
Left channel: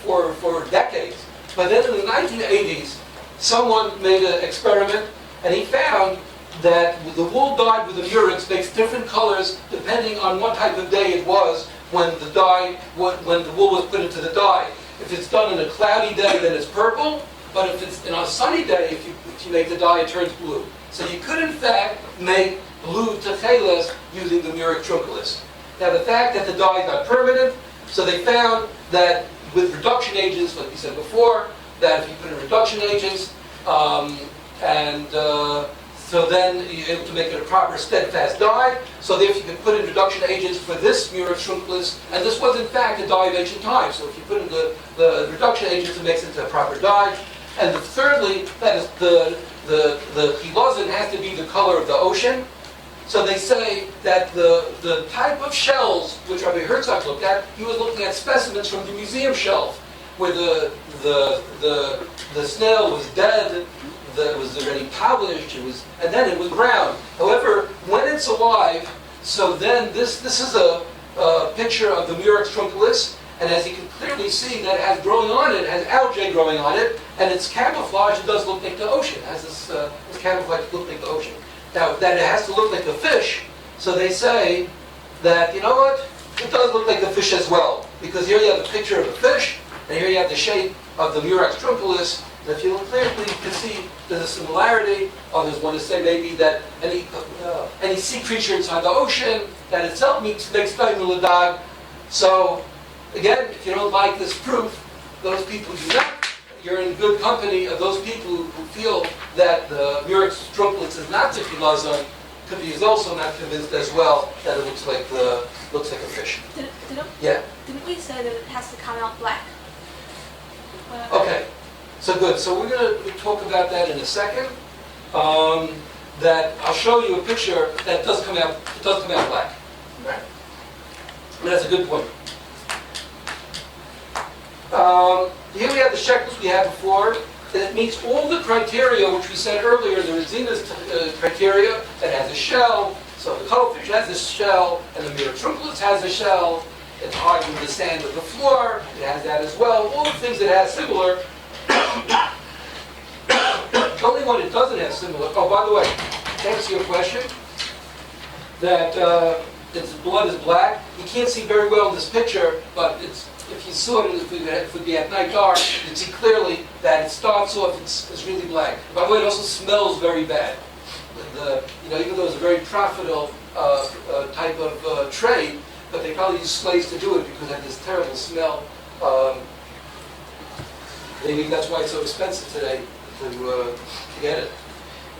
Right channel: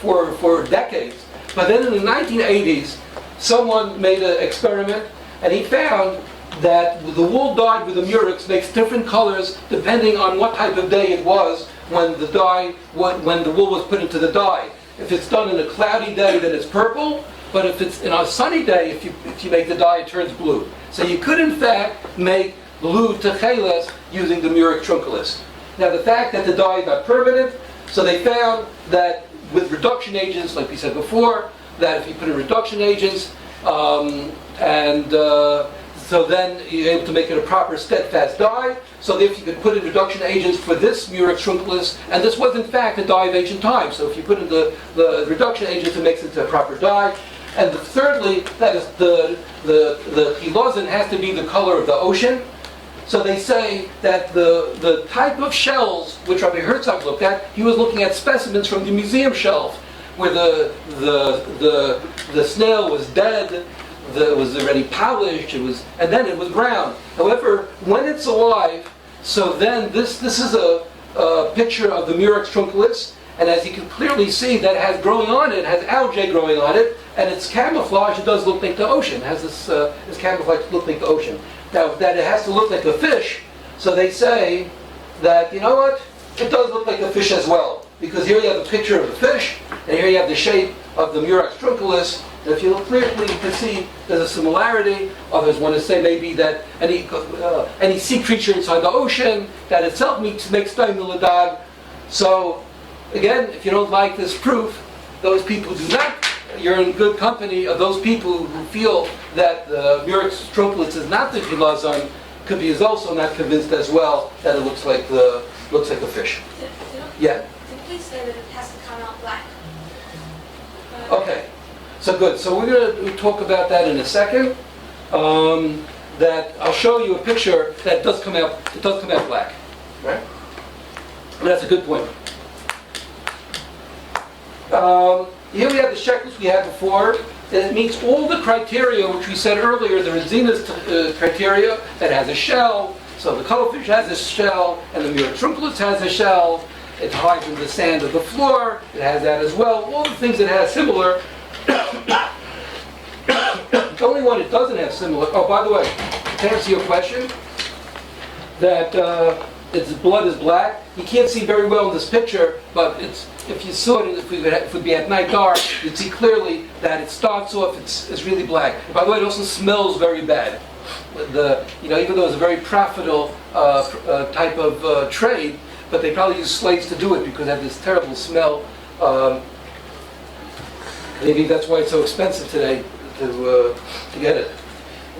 for decades. But then in the 1980s, someone made an experiment, and he found that the wool dyed with the Murex makes different colors depending on what type of day it was when the wool was put into the dye. If it's done in a cloudy day, then it's purple. But if it's in a sunny day, if you make the dye, it turns blue. So you could, in fact, make blue Techeles using the Murex Trunculus. Now, the fact that the dye is not permanent, so they found that with reduction agents, like we said before, that if you put in reduction agents, so then you're able to make it a proper steadfast dye. So therefore you could put in reduction agents for this Murex Trunculus, and this was in fact a dye of ancient times. So if you put in the reduction agents, it makes it a proper dye. And thirdly, that is the Chilozon has to be the color of the ocean. So they say that the type of shells which Rabbi Herzog looked at, he was looking at specimens from the museum shelf, where the snail was dead, it was already polished, and then it was brown. However, when it's alive, so then this is a picture of the Murex Trunculus, and as you can clearly see, that it has growing on it, has algae growing on it, and its camouflage, it does look like the ocean. It has this camouflage look like the ocean. Now, that it has to look like the fish, so they say that, you know what, it does look like the fish as well, because here you have a picture of the fish, and here you have the shape of the Murex Trunculus. And if you look clearly, you can see there's a similarity. Others want to say maybe that any sea creature inside the ocean, that itself makes Daimuladag. So, again, if you don't like this proof, those people do not. You're in good company of those people who feel that the Murex Trunculus is not the Chilozon, could be also not convinced as well that it looks like the fish. Yeah? Didn't we say that it has to come out black? Okay. So good. So we're going to talk about that in a second. That I'll show you a picture that does come out. It does come out black, right? And that's a good point. Here we have the checklist we had before. That it meets all the criteria which we said earlier. The Resina's criteria that has a shell. So the Cuttlefish has a shell, and the Murex Trunculus has a shell. It hides in the sand of the floor. It has that as well. All the things it has similar. The only one it doesn't have similar. Oh, by the way, to answer your question, that its blood is black. You can't see very well in this picture, but if you saw it, if it would be at night dark, you'd see clearly that it starts off. It's really black. By the way, it also smells very bad. Even though it's a very profitable type of trade, but they probably use slaves to do it because they have this terrible smell. Maybe that's why it's so expensive today to get it.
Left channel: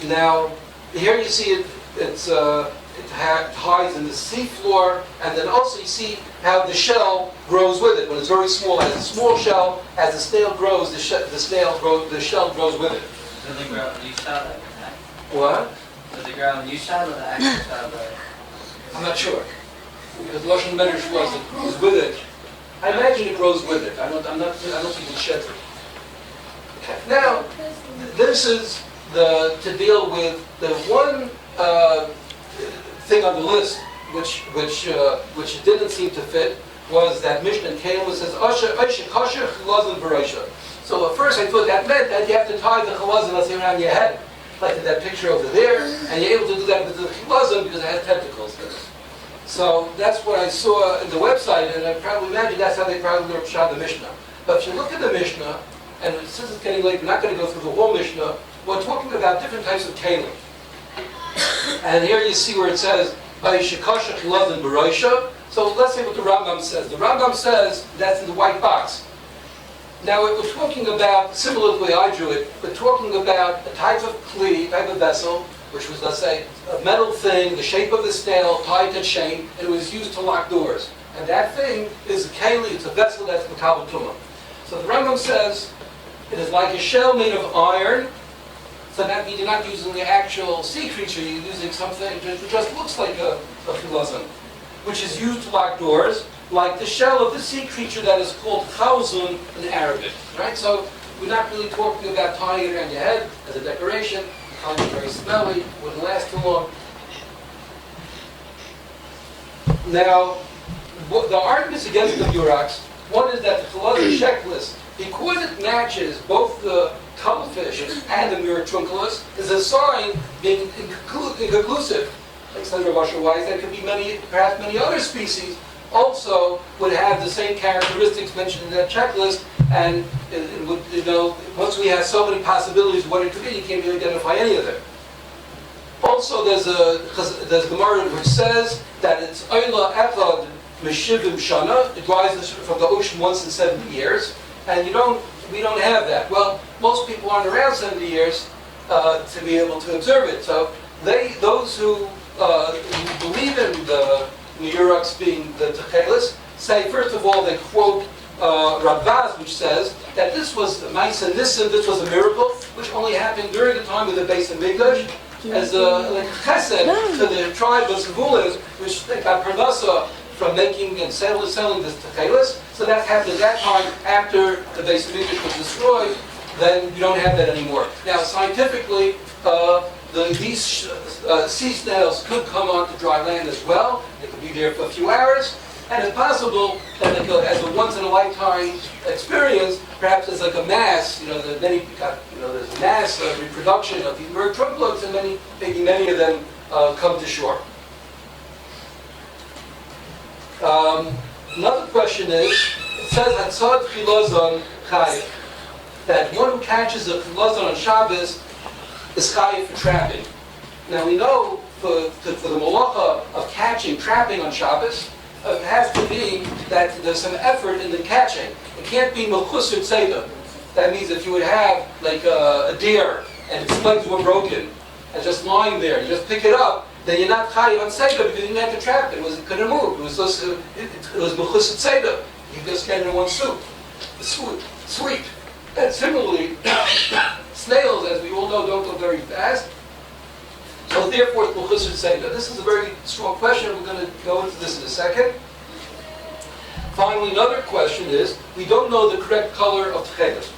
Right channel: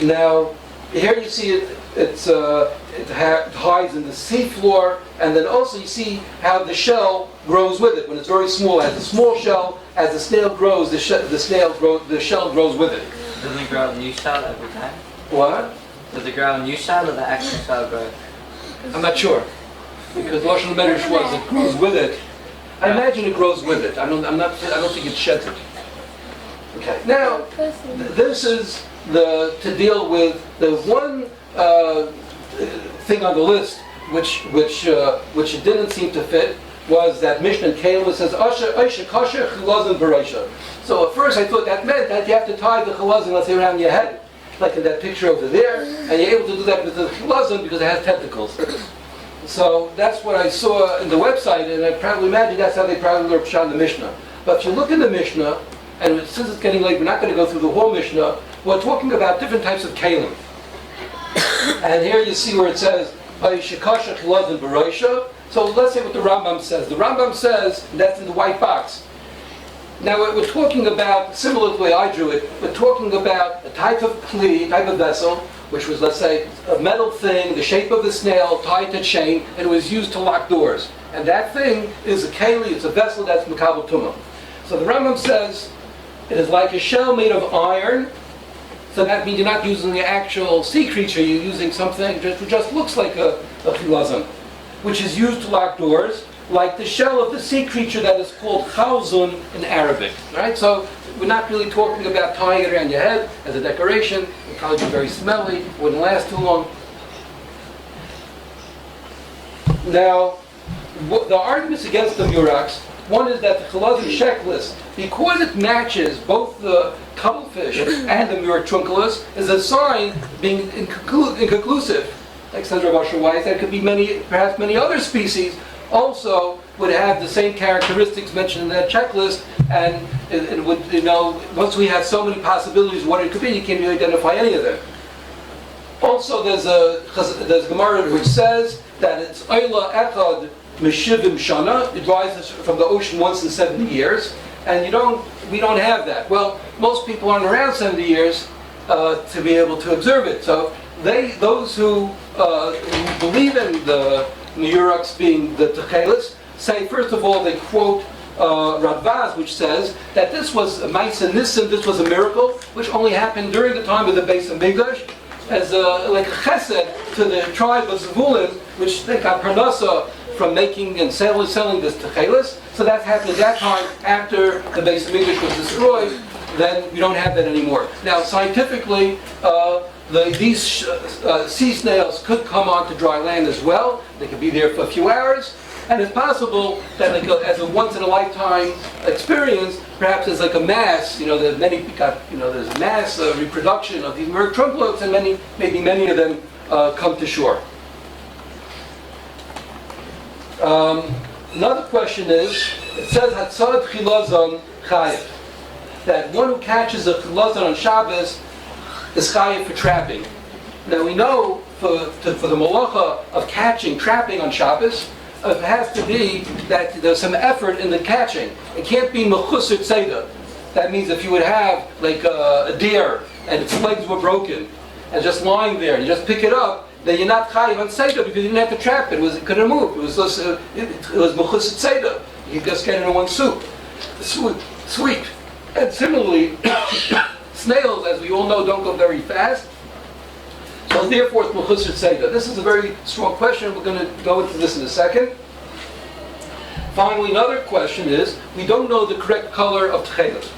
Now, here you see it hides in the seafloor, and then also you see how the shell grows with it. When it's very small, it has a small shell. As the snail grows, the shell grows with it. Does it grow a new shell every time? What? Does it grow a new shell or the actual shell grows? I'm not sure. Because Lashon Medrash was it grows with it. I imagine it grows with it. I don't think it sheds it. Okay. Now, this is to deal with the one thing on the list which it didn't seem to fit was that Mishnah in Kollel says Aisha Kasher Chilozon Bereisha. So at first I thought that meant that you have to tie the Chilozon, let's say, around your head, like in that picture over there, and you're able to do that with the Chilozon because it has tentacles. So that's what I saw in the website, and I probably imagine that's how they probably learned Pshat in the Mishnah. But if you look in the Mishnah, and since it's getting late, we're not going to go through the whole Mishnah, we're talking about different types of kalim. And here you see where it says, Shekasha Chilozon Bereisha. So let's say what the Rambam says. The Rambam says, that's in the white box. Now we're talking about, similar to the way I drew it, we're talking about a type of kli, type of vessel, which was, let's say, a metal thing, the shape of a snail, tied to chain, and it was used to lock doors. And that thing is a keli, it's a vessel that's Makabel Tumah. So the Rambam says, it is like a shell made of iron. So that means you're not using the actual sea creature, you're using something that just looks like a chilozon, which is used to lock doors, like the shell of the sea creature that is called chilozon in Arabic. Right? So we're not really talking about tying it around your head as a decoration. We're probably be very smelly, wouldn't last too long. Now, the arguments against the Murex, one is that the Chilozon checklist, because it matches both the Cuttlefish and the Murex Trunculus, is a sign being inconclusive. Like Sandra Washer-Weiss, there could be perhaps many other species also would have the same characteristics mentioned in that checklist, and it would, once we have so many possibilities of what it could be, you can't really identify any of them. Also, there's a Gemara which says that it's Oyla Echad Meshivim Shana. It rises from the ocean once in 70 years, and we don't have that. Well, most people aren't around 70 years to be able to observe it. So those who believe in the Murex being the Techeiles say, first of all, they quote Radvaz, which says that this was a Ma'aseh Nisim, this was a miracle, which only happened during the time of the Beis Hamikdash, as like a chesed to the tribe of Zevulun, which they got parnasa from making and selling this Techeiles. So that happened at that time after the Beis Hamikdash was destroyed. Then we don't have that anymore. Now, scientifically, these sea snails could come onto dry land as well. They could be there for a few hours, and it's possible that as a once-in-a-lifetime experience, perhaps there's like a mass. There's a mass reproduction of these Murex Trunculus, and maybe many of them come to shore. Another question is, it says Hatzad Chilozon Chayiv, that one who catches a Chilozon on Shabbos is chayiv for trapping. Now we know for the malacha of trapping on Shabbos, it has to be that there's some effort in the catching. It can't be mechusar tzeda. That means if you would have like a deer and its legs were broken and just lying there, you just pick it up, then you're not chayiv on tzeda because you didn't have to trap it. It couldn't move. It was mechusar tzeda. You just get it in one soup. Sweet. And similarly, snails, as we all know, don't go very fast. So therefore, it's mechusar tzeda. This is a very strong question. We're going to go into this in a second. Finally, another question is, we don't know the correct color of Techeles.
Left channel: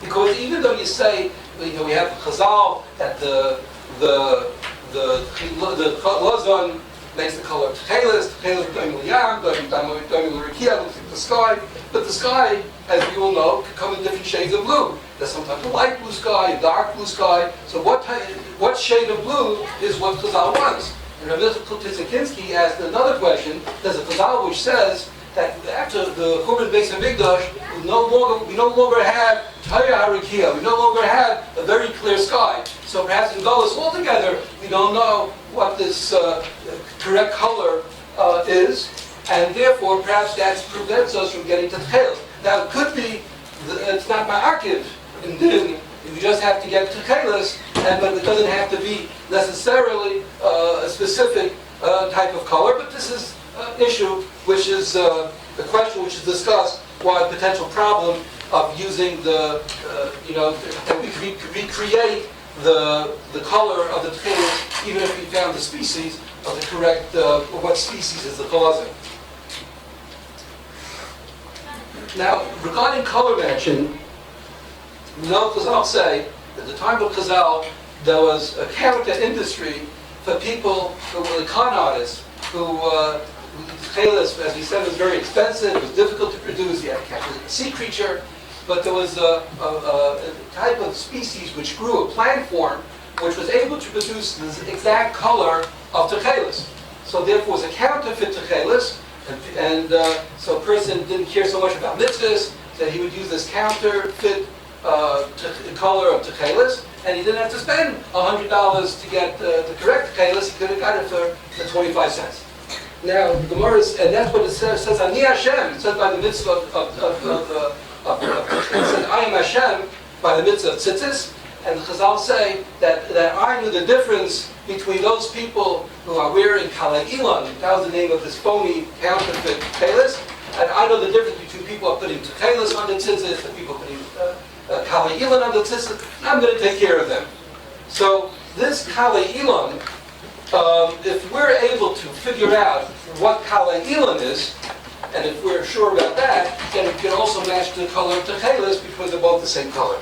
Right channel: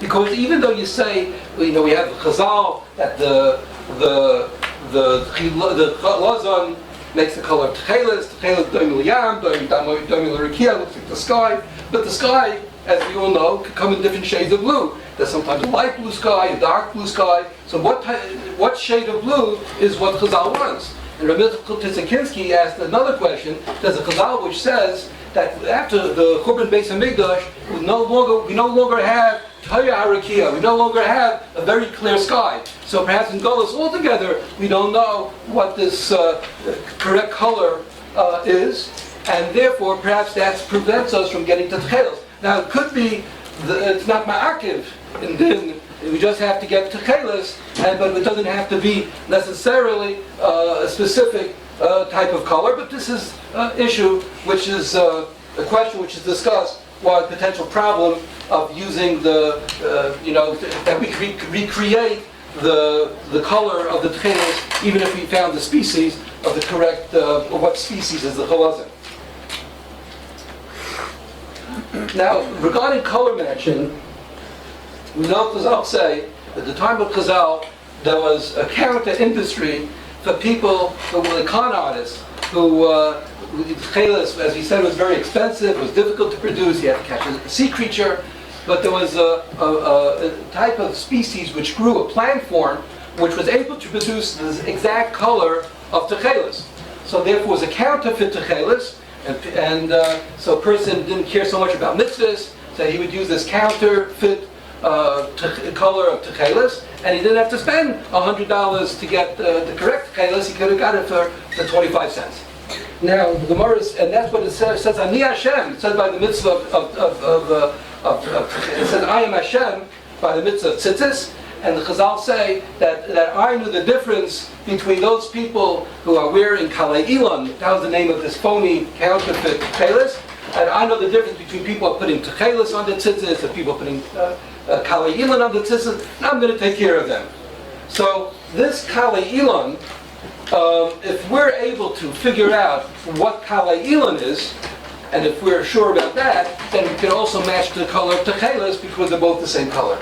Because even though you say, we have Chazal, that the Chilozon makes the color of Techeles, Techeles doimil yam, doimil rikia, looks like the sky. But the sky, as we all know, can come in different shades of blue. There's sometimes a light blue sky, a dark blue sky. So what shade of blue is what Chazal wants? And Rabbi Yisroel asked another question. There's a Chazal which says that after the Churban Beis Hamikdash, we no longer have Taya Harakia. We no longer have a very clear sky. So perhaps in Golos altogether, we don't know what this correct color is. And therefore, perhaps that prevents us from getting to Techeiles. Now, it could be it's not ma'akiv, and then we just have to get Techeiles, but it doesn't have to be necessarily a specific type of color. But this is an issue which is a question which is discussed. What potential problem of using that we could recreate the color of the Techeiles, even if we found the species of the correct what species is the Chilozon. Now, regarding color matching, we know Chazal say at the time of Chazal there was a character industry for people who were the con artists who Techeiles, as we said, was very expensive. It was difficult to produce. You had to catch a sea creature, but there was a type of species which grew a plant form which was able to produce this exact color of Techeiles. So therefore, it was a counterfeit Techeiles. And so a person didn't care so much about mitzvahs, so he would use this counterfeit color of Techeiles, and he didn't have to spend $100 to get the correct Techeiles. He could have got it for 25 cents. Now, the Gemara and that's what it says, Ani Hashem. It says by the mitzvah it says, I am Hashem, by the mitzvah of Tzizis. And the Chazal say that I knew the difference between those people who are wearing Kollel, that was the name of this phony counterfeit Techeiles, and I know the difference between people who are putting Techeiles on the Tzizis and people putting Kollel on the Tzizis, and I'm going to take care of them. So this Kollel, if we're able to figure out what Kollel is, and if we're sure about that, then we can also match the color of Techeiles because they're both the same color.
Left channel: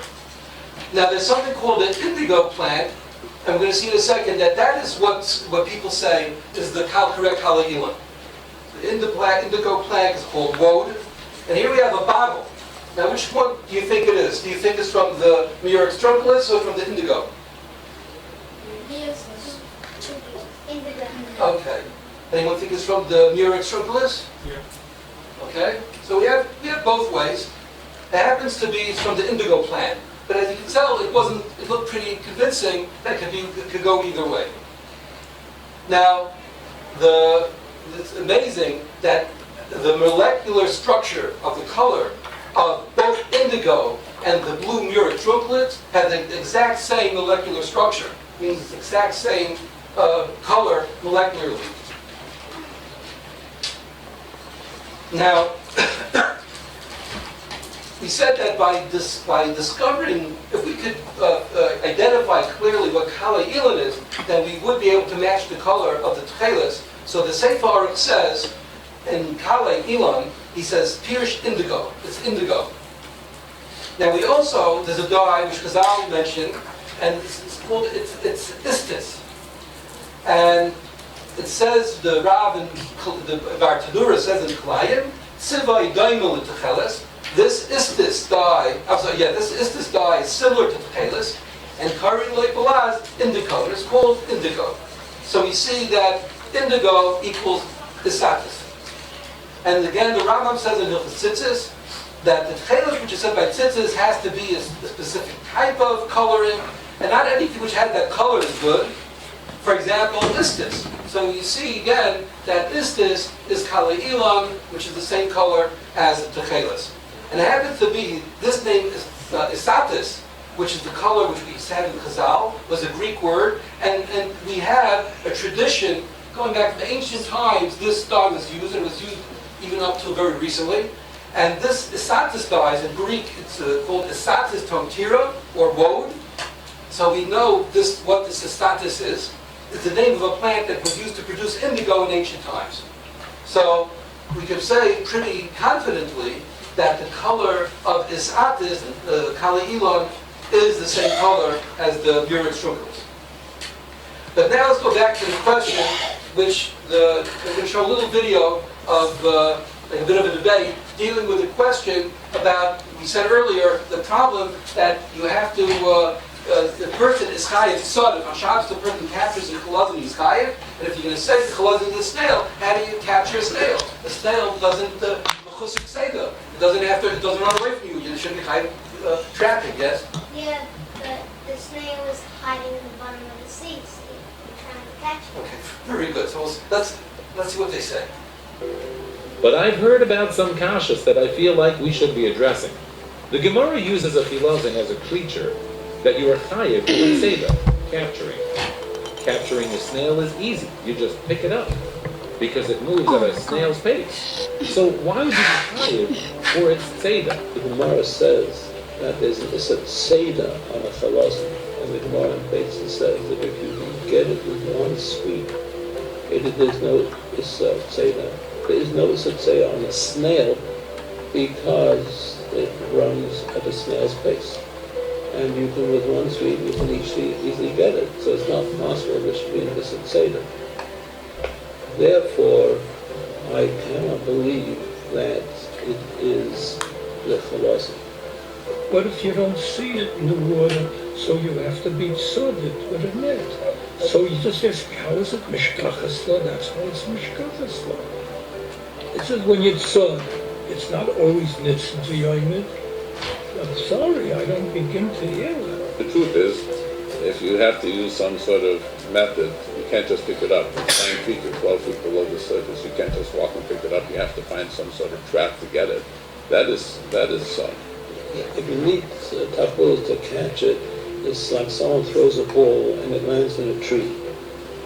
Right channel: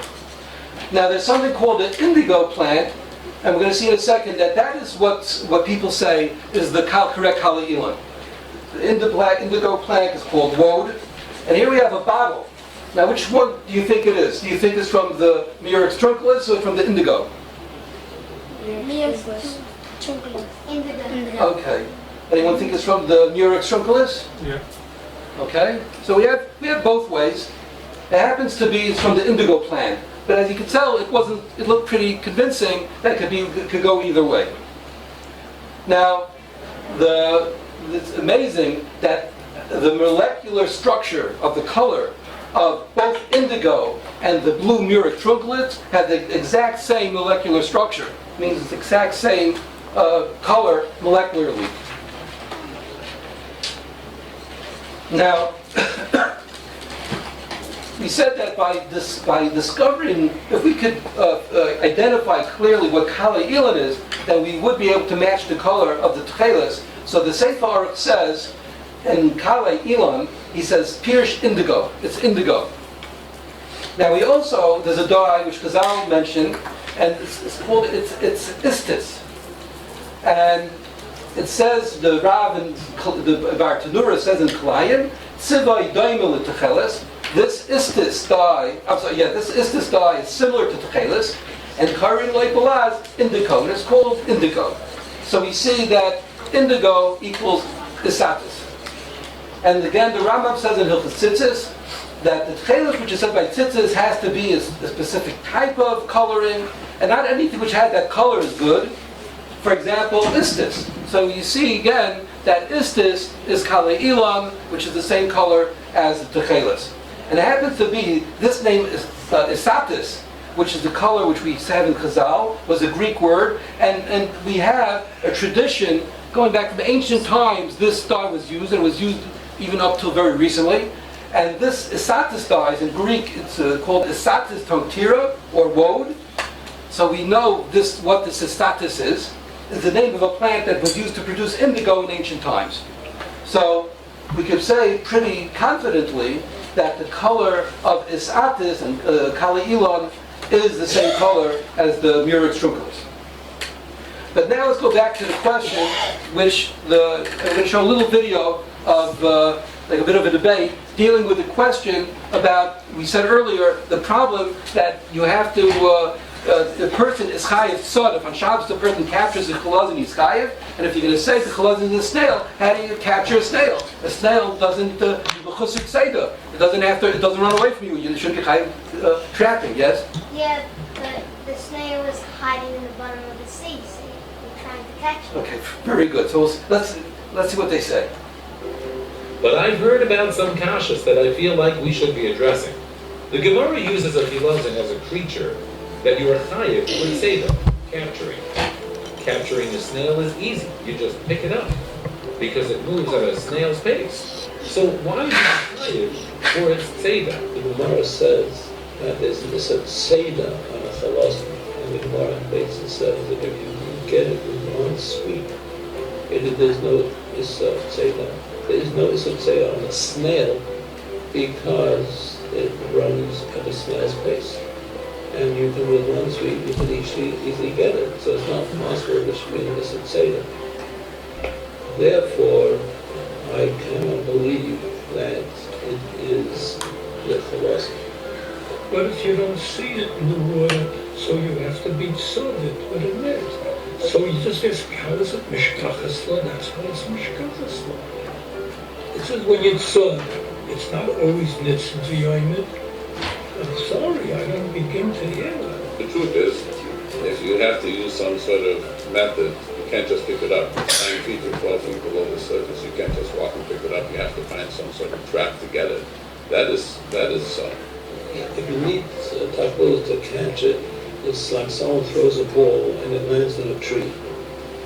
Now there's something called the indigo plant, and we're going to see in a second that is what people say is the correct Kala Elan. The indigo plant is called woad, and here we have a bottle. Now which one do you think it is? Do you think it's from the Murex Trunculus or from the indigo? Indigo. Okay. Anyone think it's from the Murex Trunculus? Yeah. Okay. So we have both ways. It happens to be from the indigo plant, but as you can tell, it looked pretty convincing that it could go either way. Now, it's amazing that the molecular structure of the color of both indigo and the blue Murex Trunculus have the exact same molecular structure. It means it's the exact same color molecularly. Now, we said that by discovering, if we could identify clearly what Kala Elan is, then we would be able to match the color of the Techeiles. So the Sefer Aruch says, in Kala Elan, he says, Pirsh indigo. It's indigo. Now there's a dye which Chazal mentioned, and it's called, it's istis. And it says, the Rav in the Bar Tanura says in Kalayim, Tzivai Daimel Techeles. This istis dye is similar to Techeiles, and Karin like Balaz, indigo, and it's called indigo. So we see that indigo equals isatis. And again, the Rambam says in Hilchos Tzizis that the Techeiles which is said by Tzizis has to be a specific type of coloring, and not anything which had that color is good. For example, istis. So you see again that istis is Kala Elan, which is the same color as the Techeiles. And it happens to be, this name is isatis, which is the color which we have in Chazal, was a Greek word, and we have a tradition going back from ancient times. This dye was used, and was used even up till very recently. And this isatis dye is in Greek, it's called isatis totira, or woad. So we know what this isatis is. It's the name of a plant that was used to produce indigo in ancient times. So we can say pretty confidently that the color of isatis and Kala Elan is the same color as the Murex Trunculus. But now let's go back to the question, which I'm going to show a little video of like a bit of a debate dealing with the question about, we said earlier, the problem that you have to, the person is chayiv sod. If on Shabbos the person captures a Chilozon, he's chayiv. And if you're going to say the Chilozon is a snail, how do you capture a snail? A snail doesn't it doesn't run away from you. You shouldn't be chayiv trapping. Yes. Yeah, the snail was hiding in the bottom of the sea, so you're trying to catch it. Okay, very good. So let's see what they say. But I've heard about some kashas that I feel like we should be addressing. The Gemara uses a Chilozon as a creature that you are chayiv with seda, capturing. Capturing a snail is easy. You just pick it up because it moves at a snail's pace. So why be chayiv for its seda? The Gemara says that there's a seda on a Chilozon, and the Gemara basically says that if you can get it with one sweep, there's no seda. There's no seda on a snail because it runs at a snail's pace. And you can, with one sweep, you can easily get it. So it's not possible there should be an illicit seder. Therefore, I cannot believe that it is the Chilozon. But if you don't see it in the water, so you have to be sodded with a net. So you just ask, how is it mishkachasla? That's how it's mishkachasla. It says when you sod, it's not always nitzin to yoimid. I'm sorry, I don't begin to hear that. The truth is, if you have to use some sort of method, you can't just pick it up 9 feet or 12 feet below the surface. You can't just walk and pick it up. You have to find some sort of trap to get it. That is If you need tachlis to catch it, it's like someone throws a ball and it lands in a tree.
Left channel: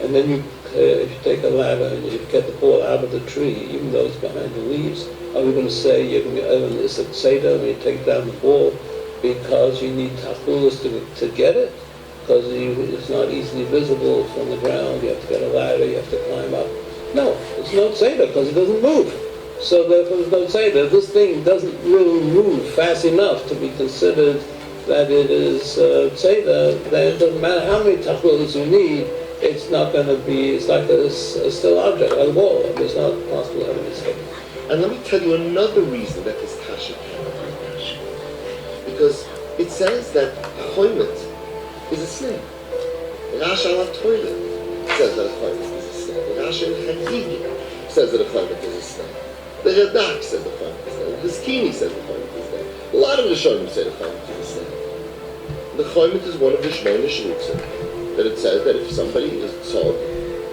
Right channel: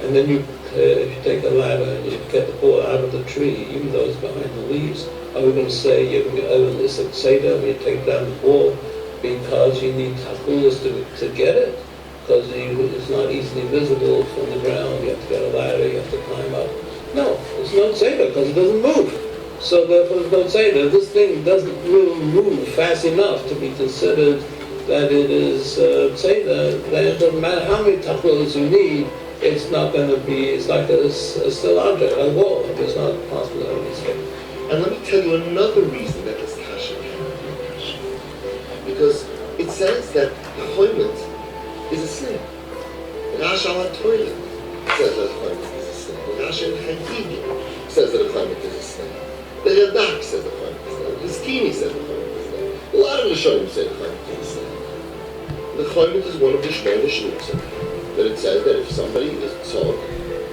And then if you take a ladder and you get the ball out of the tree, even though it's behind the leaves, are we going to say you're going to have an illicit seder when you take down the ball because you need tachlis to get it? Because it's not easily visible from the ground. You have to get a ladder, you have to climb up. No, it's no seder because it doesn't move. So therefore there's no seder. This thing doesn't really move fast enough to be considered that it is, say that it doesn't matter how many tachlis you need, it's not going to be, it's like a still object, like a wall. It's not possible to have a mistake. And let me tell you another reason that this kasha cannot be a kasha. Because it says that chomet is a snail. Rash al toilet says that a chomet is a snail. Rash in Chagigim says that a chomet is a snail. The Radak says the chomet is a snail. The Skini says the chomet is a snail. A lot of the Rishonim say the chomet is a snail. The chomet is one of the Shmona Shlutzim that it says that if somebody is tzog,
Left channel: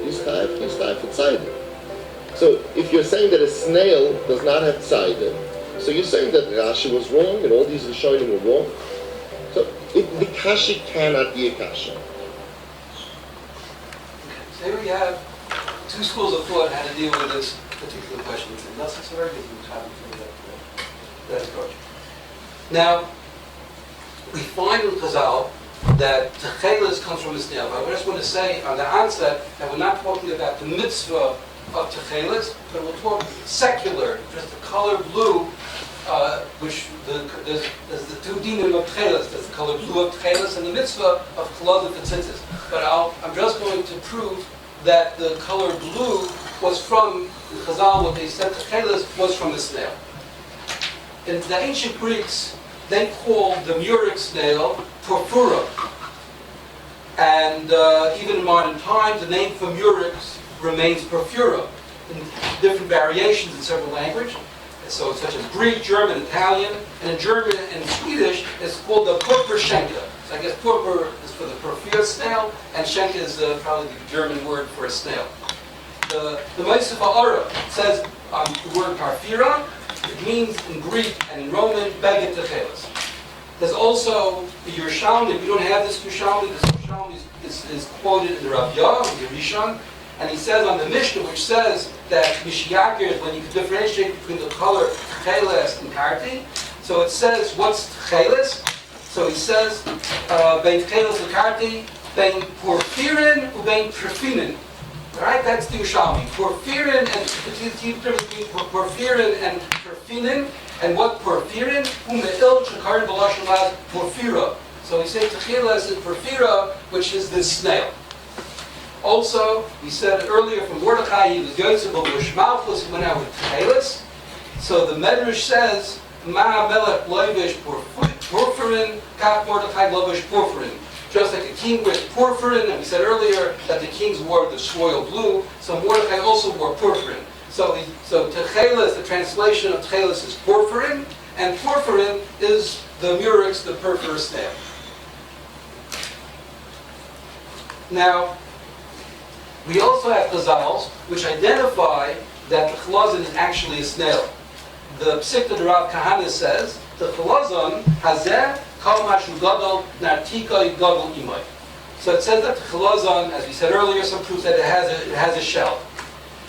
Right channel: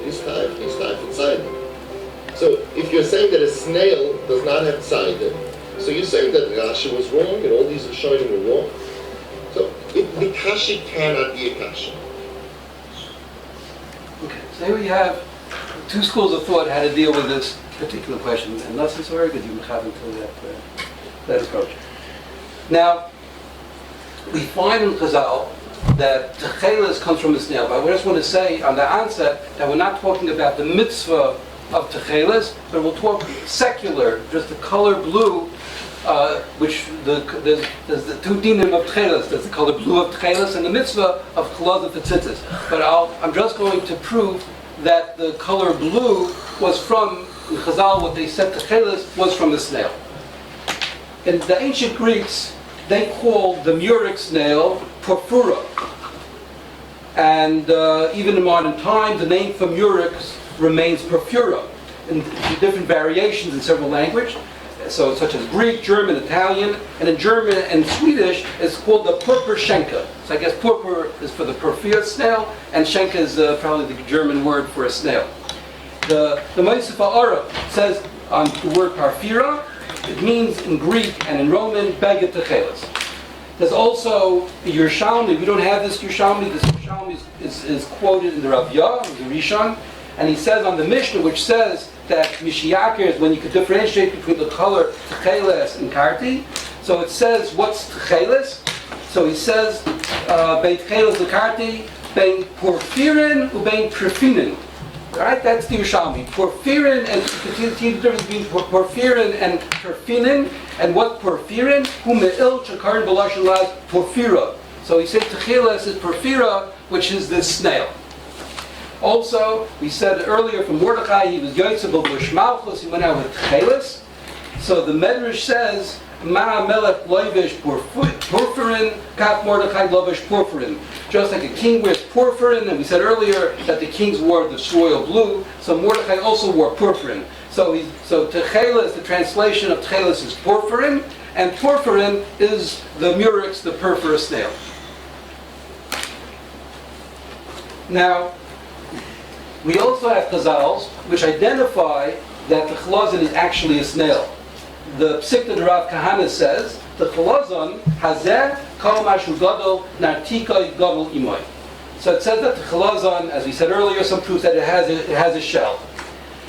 he's chayv for tzaydim. So if you're saying that a snail does not have tzaydim, so you're saying that Rashi was wrong and all these Rishonim were wrong. So the kasha cannot be a kasha. Okay, so here we have two schools of thought how to deal with this particular question, and thus it's very good you have that approach. Now, we find in Chazal that Techeles comes from the snail. But I just want to say on the onset that we're not talking about the mitzvah of Techeles, but we'll talk secular, just the color blue, which there's the two dinim of Techeles. There's the color blue of Techeles and the mitzvah of Chilozon for Tzizis. But I'm just going to prove that the color blue was from in Chazal. What they said Techeles was from the snail. In the ancient Greeks, they called the Murex snail Porphyra. And even in modern times, the name for Murex remains Porphyra in different variations in several languages. So such as Greek, German, Italian, and in German and Swedish, it's called the Purpurschenke. So I guess purpur is for the Porphyra snail, and Schenke is probably the German word for a snail. The Meisif Ara says on the word Porphyra, it means in Greek and in Roman, Beged Techeles. There's also the Yerushalmi. We don't have this Yerushalmi. This Yerushalmi is quoted in the Rav Yah, the Rishon, and he says on the Mishnah, which says that Mishiyakir is when you can differentiate between the color Techeles and Karti. So it says, what's Techeles? So he says, Bein Techeles Karti, Bein Porphyrin, Ubein Perfinin. Right? That's the Yerushalmi. Porphyrin, and the difference between porphyrin and perfinin, and what porphyrin? Hume'il chakar b'lashon laz porphyra. So he said Techeles is porphyra, which is this snail. Also, we said earlier from Mordechai, he was Yosef of Malchus, he went out with Techeles. So the Medrash says, Ma melech loivish porphyrin, kaf Mordechai lovish porphyrin. Just like a king wears porphyrin, and we said earlier that the kings wore the royal blue, so Mordechai also wore porphyrin. So Techeles, the translation of Techeles is porphyrin, and porphyrin is the Murex, the purpura snail. Now, we also have Chazals, which identify that the Chilozon is actually a snail. The Psikta de Rav Kahana says, the Chilozon hazeh kol mashu gadol nartikoi gadol imoy. So it says that the Chilozon, as we said earlier, some proves that it has a shell.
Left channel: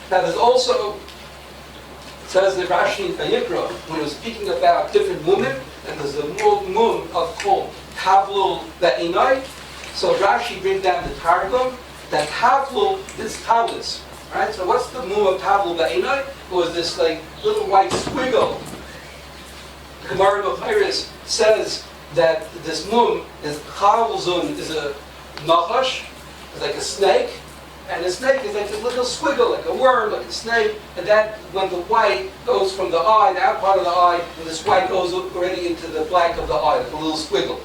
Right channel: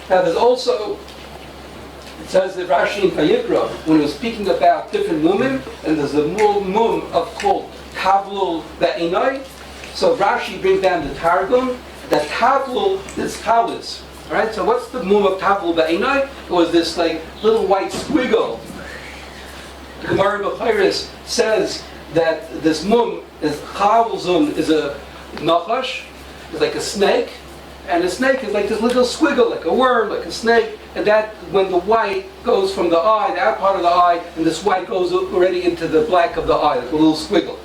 Now there's also, it says that Rashi in Vayikra, when he was speaking about different women, and there's a mum of called Tavlul Be'inai, so Rashi brings down the Targum, that Tavlul is Talis. Right? So what's the mum of Tavlul Be'inai? It was this like little white squiggle. The Gemara B'Chayris says that this mum is Chilozon is a nachash, it's like a snake, and the snake is like this little squiggle, like a worm, like a snake, and that when the white goes from the eye, the out part of the eye, and this white goes already into the black of the eye, like a little squiggle.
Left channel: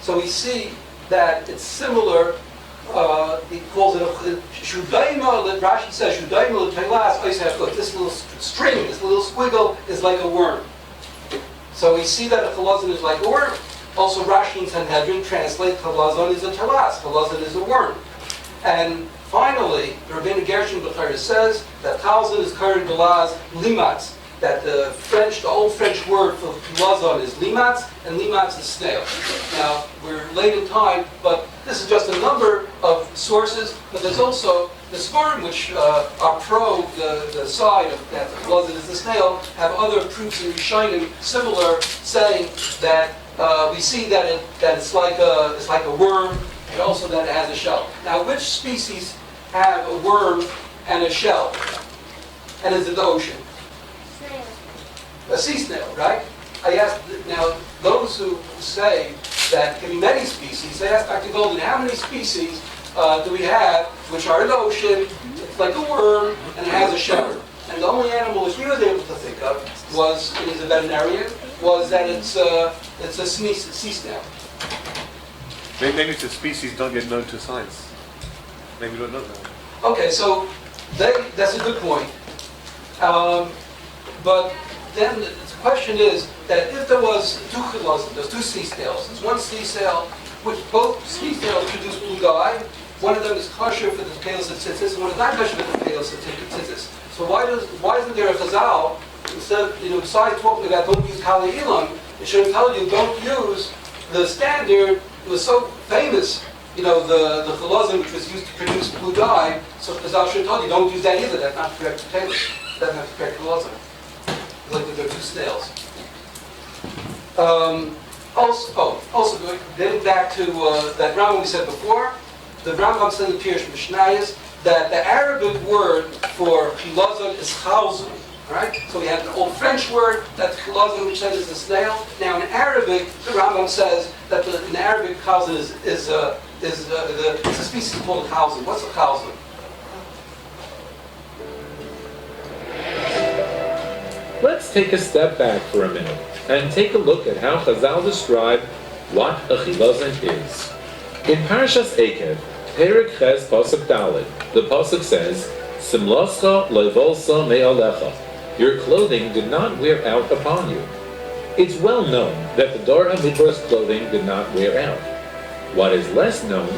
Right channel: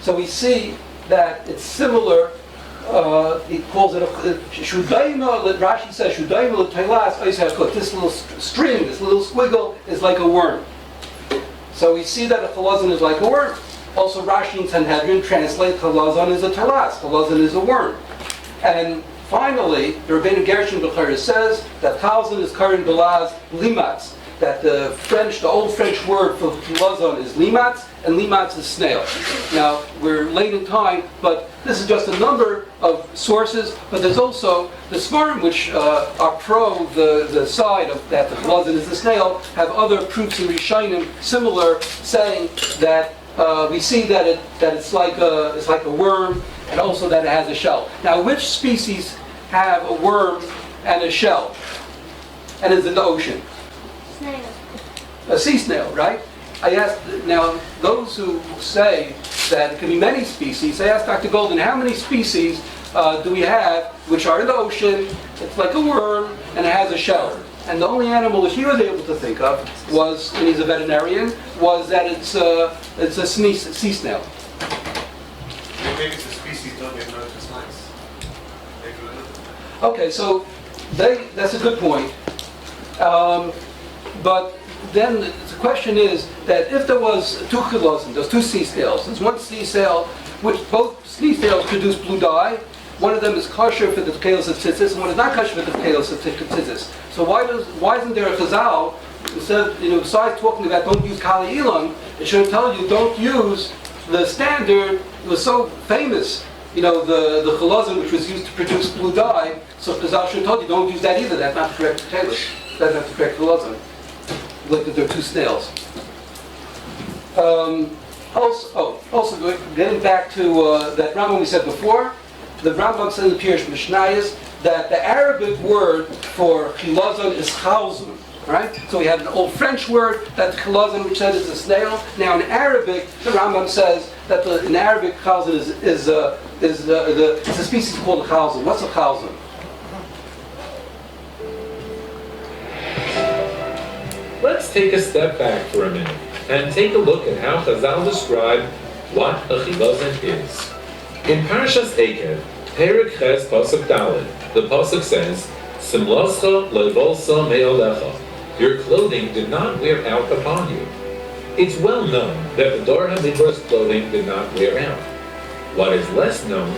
So we see that it's similar. He calls it Shudaima. Rashi says Shudaima Techeles. This little string, this little squiggle is like a worm. So we see that a Chilozon is like a worm. Also, Rashi in Sanhedrin translate Chilozon as a telas. Chilozon is a worm. And finally, the Rabbeinu Gershon B'Chayr says that Chilozon is karin belaz limatz. That the old French word for Chilozon is limatz, and limatz is snail. Now, we're late in time, but this is just a number of sources, but there's also the Svarim, which are pro the side of that the Chilozon is the snail, have other proofs in Rishonim similar, saying that we see that it's like a worm, and also that it has a shell. Now, which species have a worm and a shell, and is in the ocean? Snail. A sea snail, right? I asked, now, those who say that it can be many species, I asked Dr. Golden, how many species do we have which are in the ocean, it's like a worm, and it has a shell? And the only animal which he was able to think of was, and he's a veterinarian, was that it's a sea snail. Maybe it's a species don't get known to science. Maybe we don't know them. Okay, so that's a good point. But then the question is that if there was two Chilozon, there's two sea snails. There's one sea snail, which both sea snails produce blue dye. One of them is kosher for the Techeiles of Tzizis, and one is not kosher for the Techeiles of Tzizis. So why isn't there a chazal, instead of, besides talking about don't use kali ilam, it should tell you don't use the standard, it was so famous, the Chilozon which was used to produce blue dye, so chazal should tell you don't use that either, that's not correct Techeiles, that's not the correct Chilozon. Look that there are two snails. Also getting back to that Rambam we said before, the Rambam said in the Pirush Mishnayos that the Arabic word for Chilozon is Chilozon, right? So we have the old French word that's Chilozon, which says it's a snail. Now in Arabic, the Rambam says that in Arabic Chilozon is a species called a Chilozon. What's a Chilozon? Let's take a step back for a minute and take a look at how Chazal describe what a Chilozon is. In Parashas Ekev, Perek Ches Pasuk Daled, the Pasuk says, Simloscha levolsa me'alecha. Your clothing did not wear out upon you. It's well known that the Dor HaMidra's clothing did not wear out. What is less known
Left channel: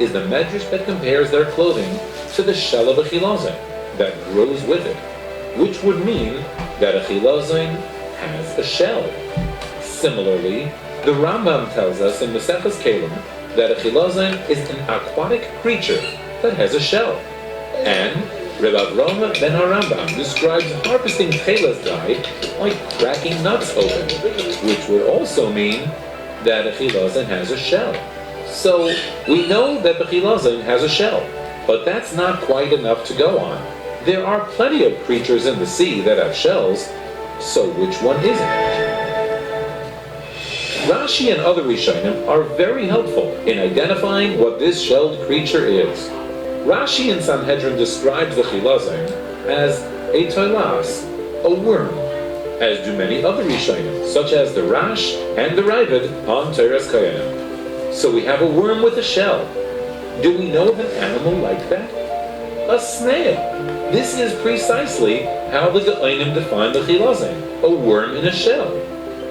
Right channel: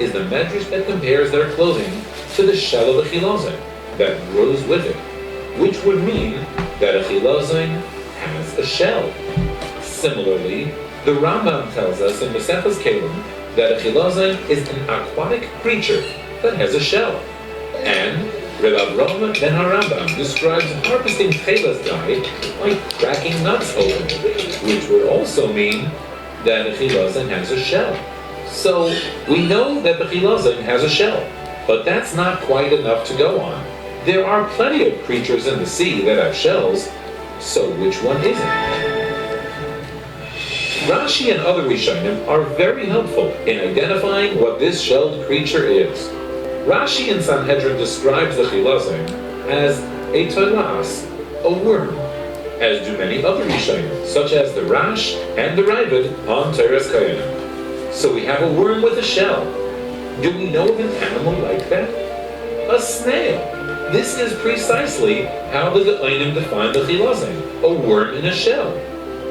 is the medrash that compares their clothing to the shell of a Chilozon that grows with it, which would mean that a Chilozon has a shell. Similarly, the Rambam tells us in Maseches Kelim that a Chilozon is an aquatic creature that has a shell. And Reb Avram ben HaRambam describes harvesting Techeles dye like cracking nuts open, which would also mean that a Chilozon has a shell. So we know that the Chilozon has a shell, but that's not quite enough to go on. There are plenty of creatures in the sea that have shells, so which one isn't? Rashi and other Rishonim are very helpful in identifying what this shelled creature is. Rashi in Sanhedrin describes the Chilozon as a toilas, a worm, as do many other Rishonim, such as the Rash and the Ravid on Teres Koyanim. So we have a worm with a shell. Do we know of an animal like that? A snail. This is precisely how the Geonim define the Chilozon, a worm in a shell.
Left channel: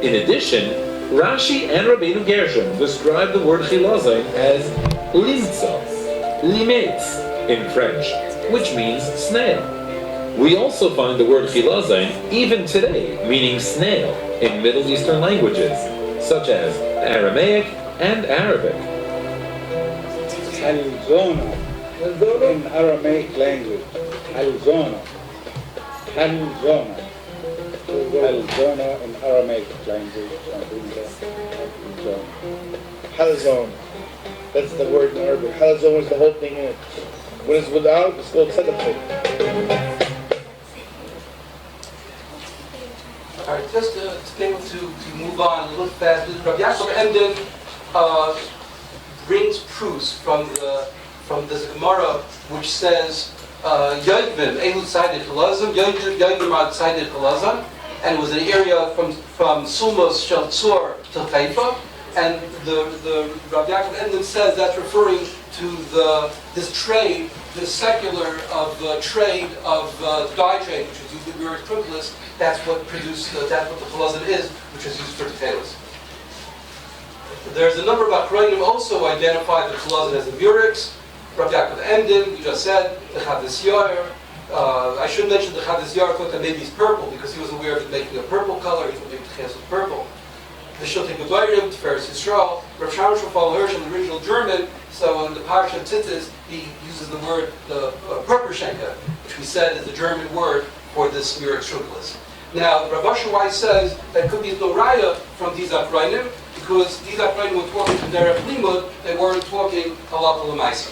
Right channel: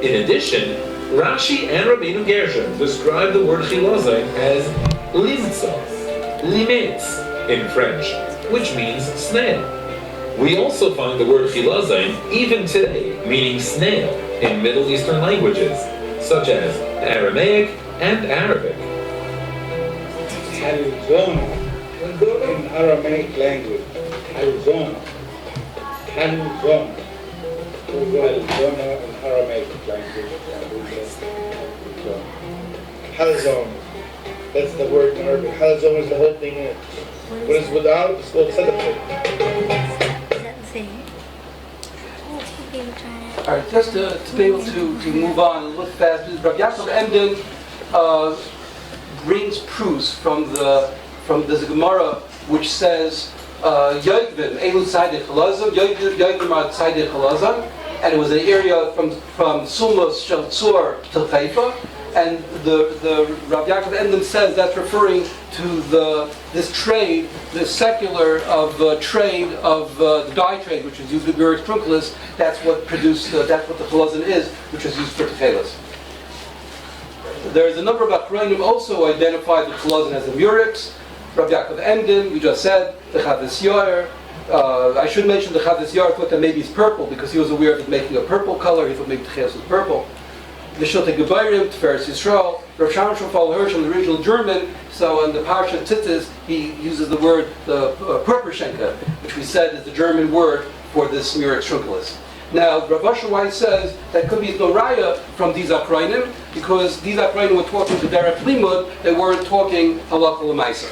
In addition, Rashi and Rabbeinu Gershom describe the word Chilozon as limtza, limetz in French, which means snail. We also find the word Chilozon even today meaning snail in Middle Eastern languages, such as Aramaic and Arabic. Chilozon in Aramaic language. Chilozon. Chilozon. Chilozon in Aramaic language. Halazon. That's the word in Arabic. Halazon is the whole thing in it. What is without, it's called tzedakah. All right, just to be able to move on a little faster, Rabbi Yaakov Emden brings proofs from the Gemara, which says Yoivim Elu Tzaddik Chalazon, Yoivim Ad Tzaddik Chalazon, and it was an area from Sumos Shel Tzor to Haifa, and the Rabbi Yaakov Emden says that's referring to this trade, the secular trade of the dye trade, which was used to Murex Trunculus. That's what produced. That's what the Chilozon is, which was used for Techeiles. There's a number of Achronim also identify the Chilozon as the Murex. Rabbi Yaakov Emden, we just said, the Chadis Yair. I should mention the Chadis Yair thought that maybe it's purple because he was aware of it making a purple color. He thought maybe Techeiles was purple. The Shiltei Gebayrim, Tiferes Yisrael, Rav Sharon Shofal Hirsch in the original German. So in the Parsha Tzizis, he uses the word the Purperschenke, which we said is the German word for this Murex Trunculus. Now, Rav Asher Weiss says that could be no raya from these Achronim, because these Achronim were talking to Derech Limud, they weren't talking Halakha L'Maiser.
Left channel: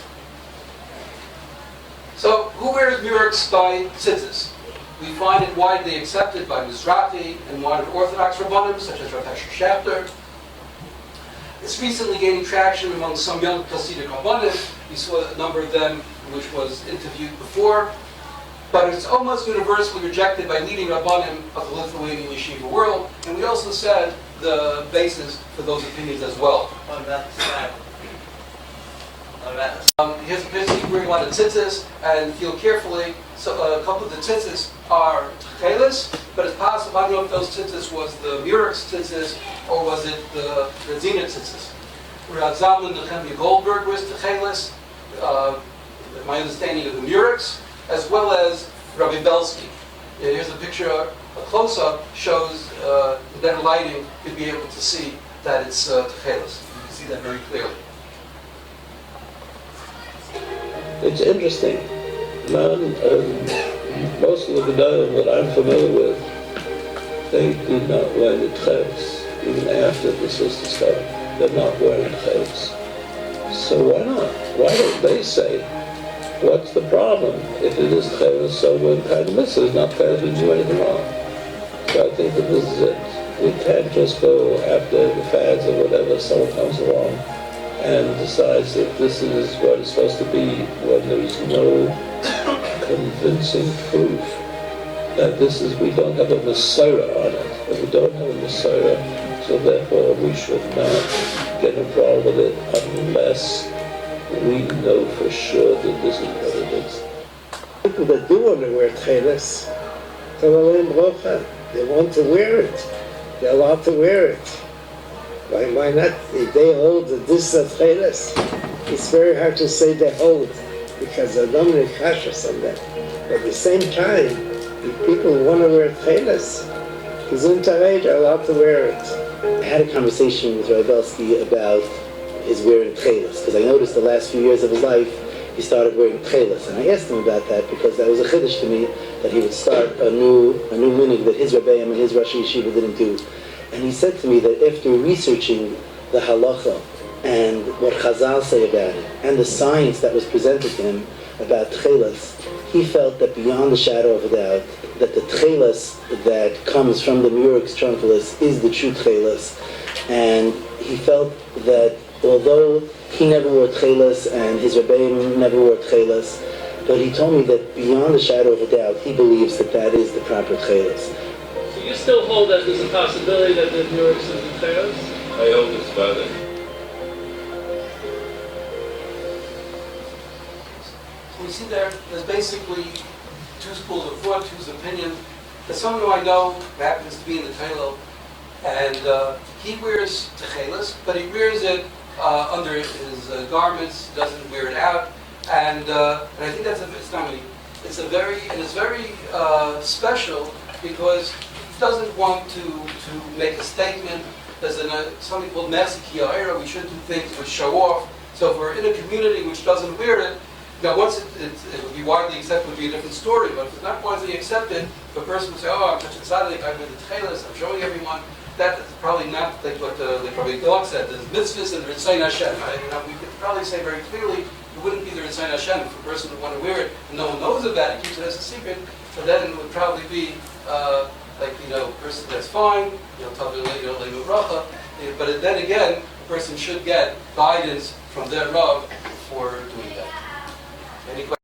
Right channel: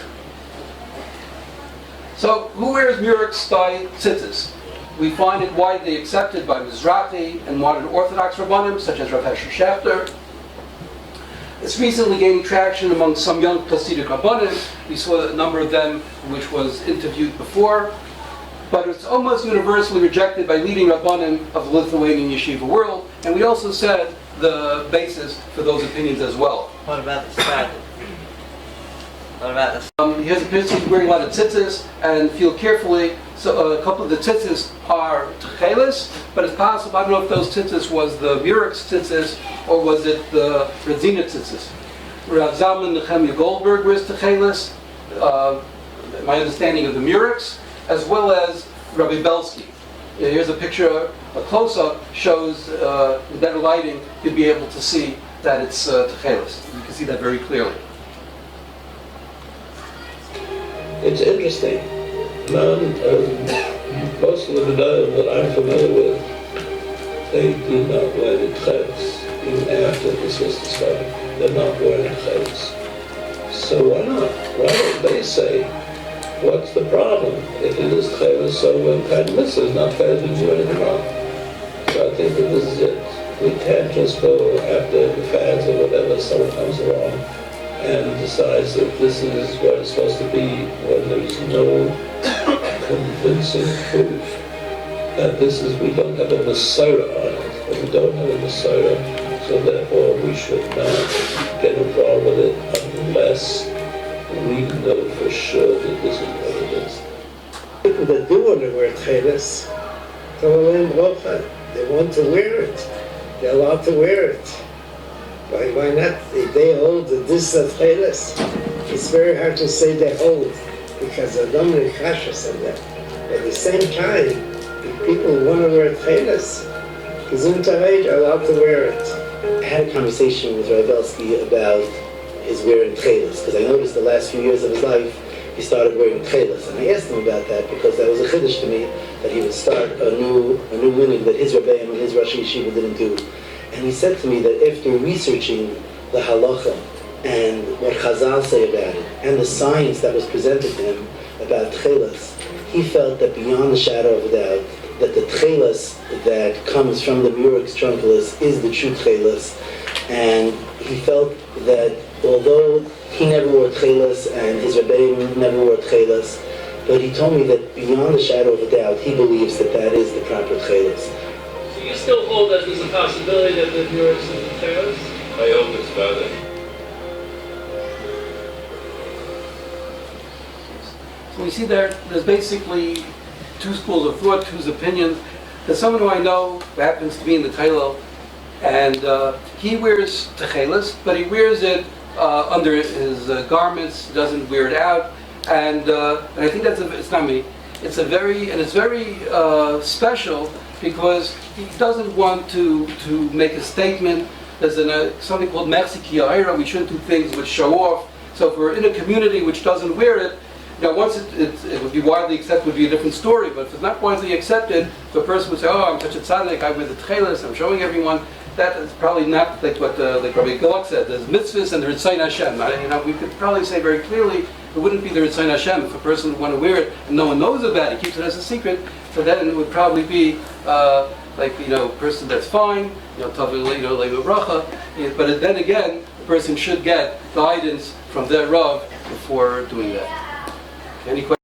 So, who wears Murex by Tzizis? We find it widely accepted by Mizrahi and modern Orthodox Rabbanim, such as Rabbi Yisroel. It's recently gaining traction among some young Hasidic Rabbanim. We saw a number of them, which was interviewed before. But it's almost universally rejected by leading Rabbanim of the Lithuanian yeshiva world. And we also said the basis for those opinions as well. What about the side? What about the Here's a picture. He's wearing a lot of tzitzis, and feel carefully. So a couple of the tzitzis are Techeles, but it's possible, I don't know if those tzitzis was the Murex tzitzis or was it the Redzina tzitzis. Rav Zalman Nehemiah Goldberg wears Techeles, my understanding of the Murex, as well as Rabbi Belsky. Here's a picture, a close-up shows with better lighting, you'd be able to see that it's Techeles. You can see that very clearly. It's interesting. Most of the Gedolim that I'm familiar with, they do not wear the Techeiles. Even after this was discovered, they're not wearing Techeiles. So why not? Why don't they say, what's the problem? If it is Techeiles, so when kind of mitzvah is not Techeiles, we do anything wrong. So I think that this is it. We can't just go after the fads or whatever, someone comes along and decides that this is what it's supposed to be when there's no convincing proof that this is, we don't have a Messiah on it. If we don't have a Messiah, so therefore we should not get involved with it unless we know for sure that this is what it is. People that do want to wear Techeiles, they want to wear it. They're allowed to wear it. Why not? If they hold that this is Techeiles, it's very hard to say they hold because there are no many kashas on that. But at the same time, if people want to wear Techeiles, Gesundheit are allowed to wear it. I had a conversation with Rabbi Belsky about his wearing Techeiles, because I noticed the last few years of his life he started wearing Techeiles, and I asked him about that because that was a chiddush to me that he would start a new minhag that his Rebbeim and his Rosh Yeshiva didn't do. And he said to me that after researching the halacha and what Chazal say about it, and the science that was presented to him about Techeiles, he felt that beyond the shadow of a doubt, that the Techeiles that comes from the Murex Trunculus is the true Techeiles. And he felt that although he never wore Techeiles and his Rebbeim never wore Techeiles, but he told me that beyond the shadow of a doubt, he believes that that is the proper Techeiles. So you still hold that there's a possibility that the Murex is the Techeiles? I hope it's better. So we see there's basically two schools of thought, two opinions. There's someone who I know who happens to be in the Kollel, and he wears Techeiles, but he wears it under his garments, doesn't wear it out, and I think it's very special because he doesn't want to make a statement. There's something called Merci Ki Ha'ira, we shouldn't do things which show off. So if we're in a community which doesn't wear it, now, once it would be widely accepted, would be a different story. But if it's not widely accepted, the person would say, "Oh, I'm such a tzaddik. I wear the Techeiles. I'm showing everyone." That is probably not like what like Rabbi Yisroel said. There's mitzvahs and there's Ritzayin Hashem. We could probably say very clearly it wouldn't be the Ritzayin Hashem if a person would want to wear it and no one knows about it, keeps it as a secret. So then it would probably be a person that's fine, Leimu Bracha. But then again, the person should get guidance from their Rav before doing that. Any questions?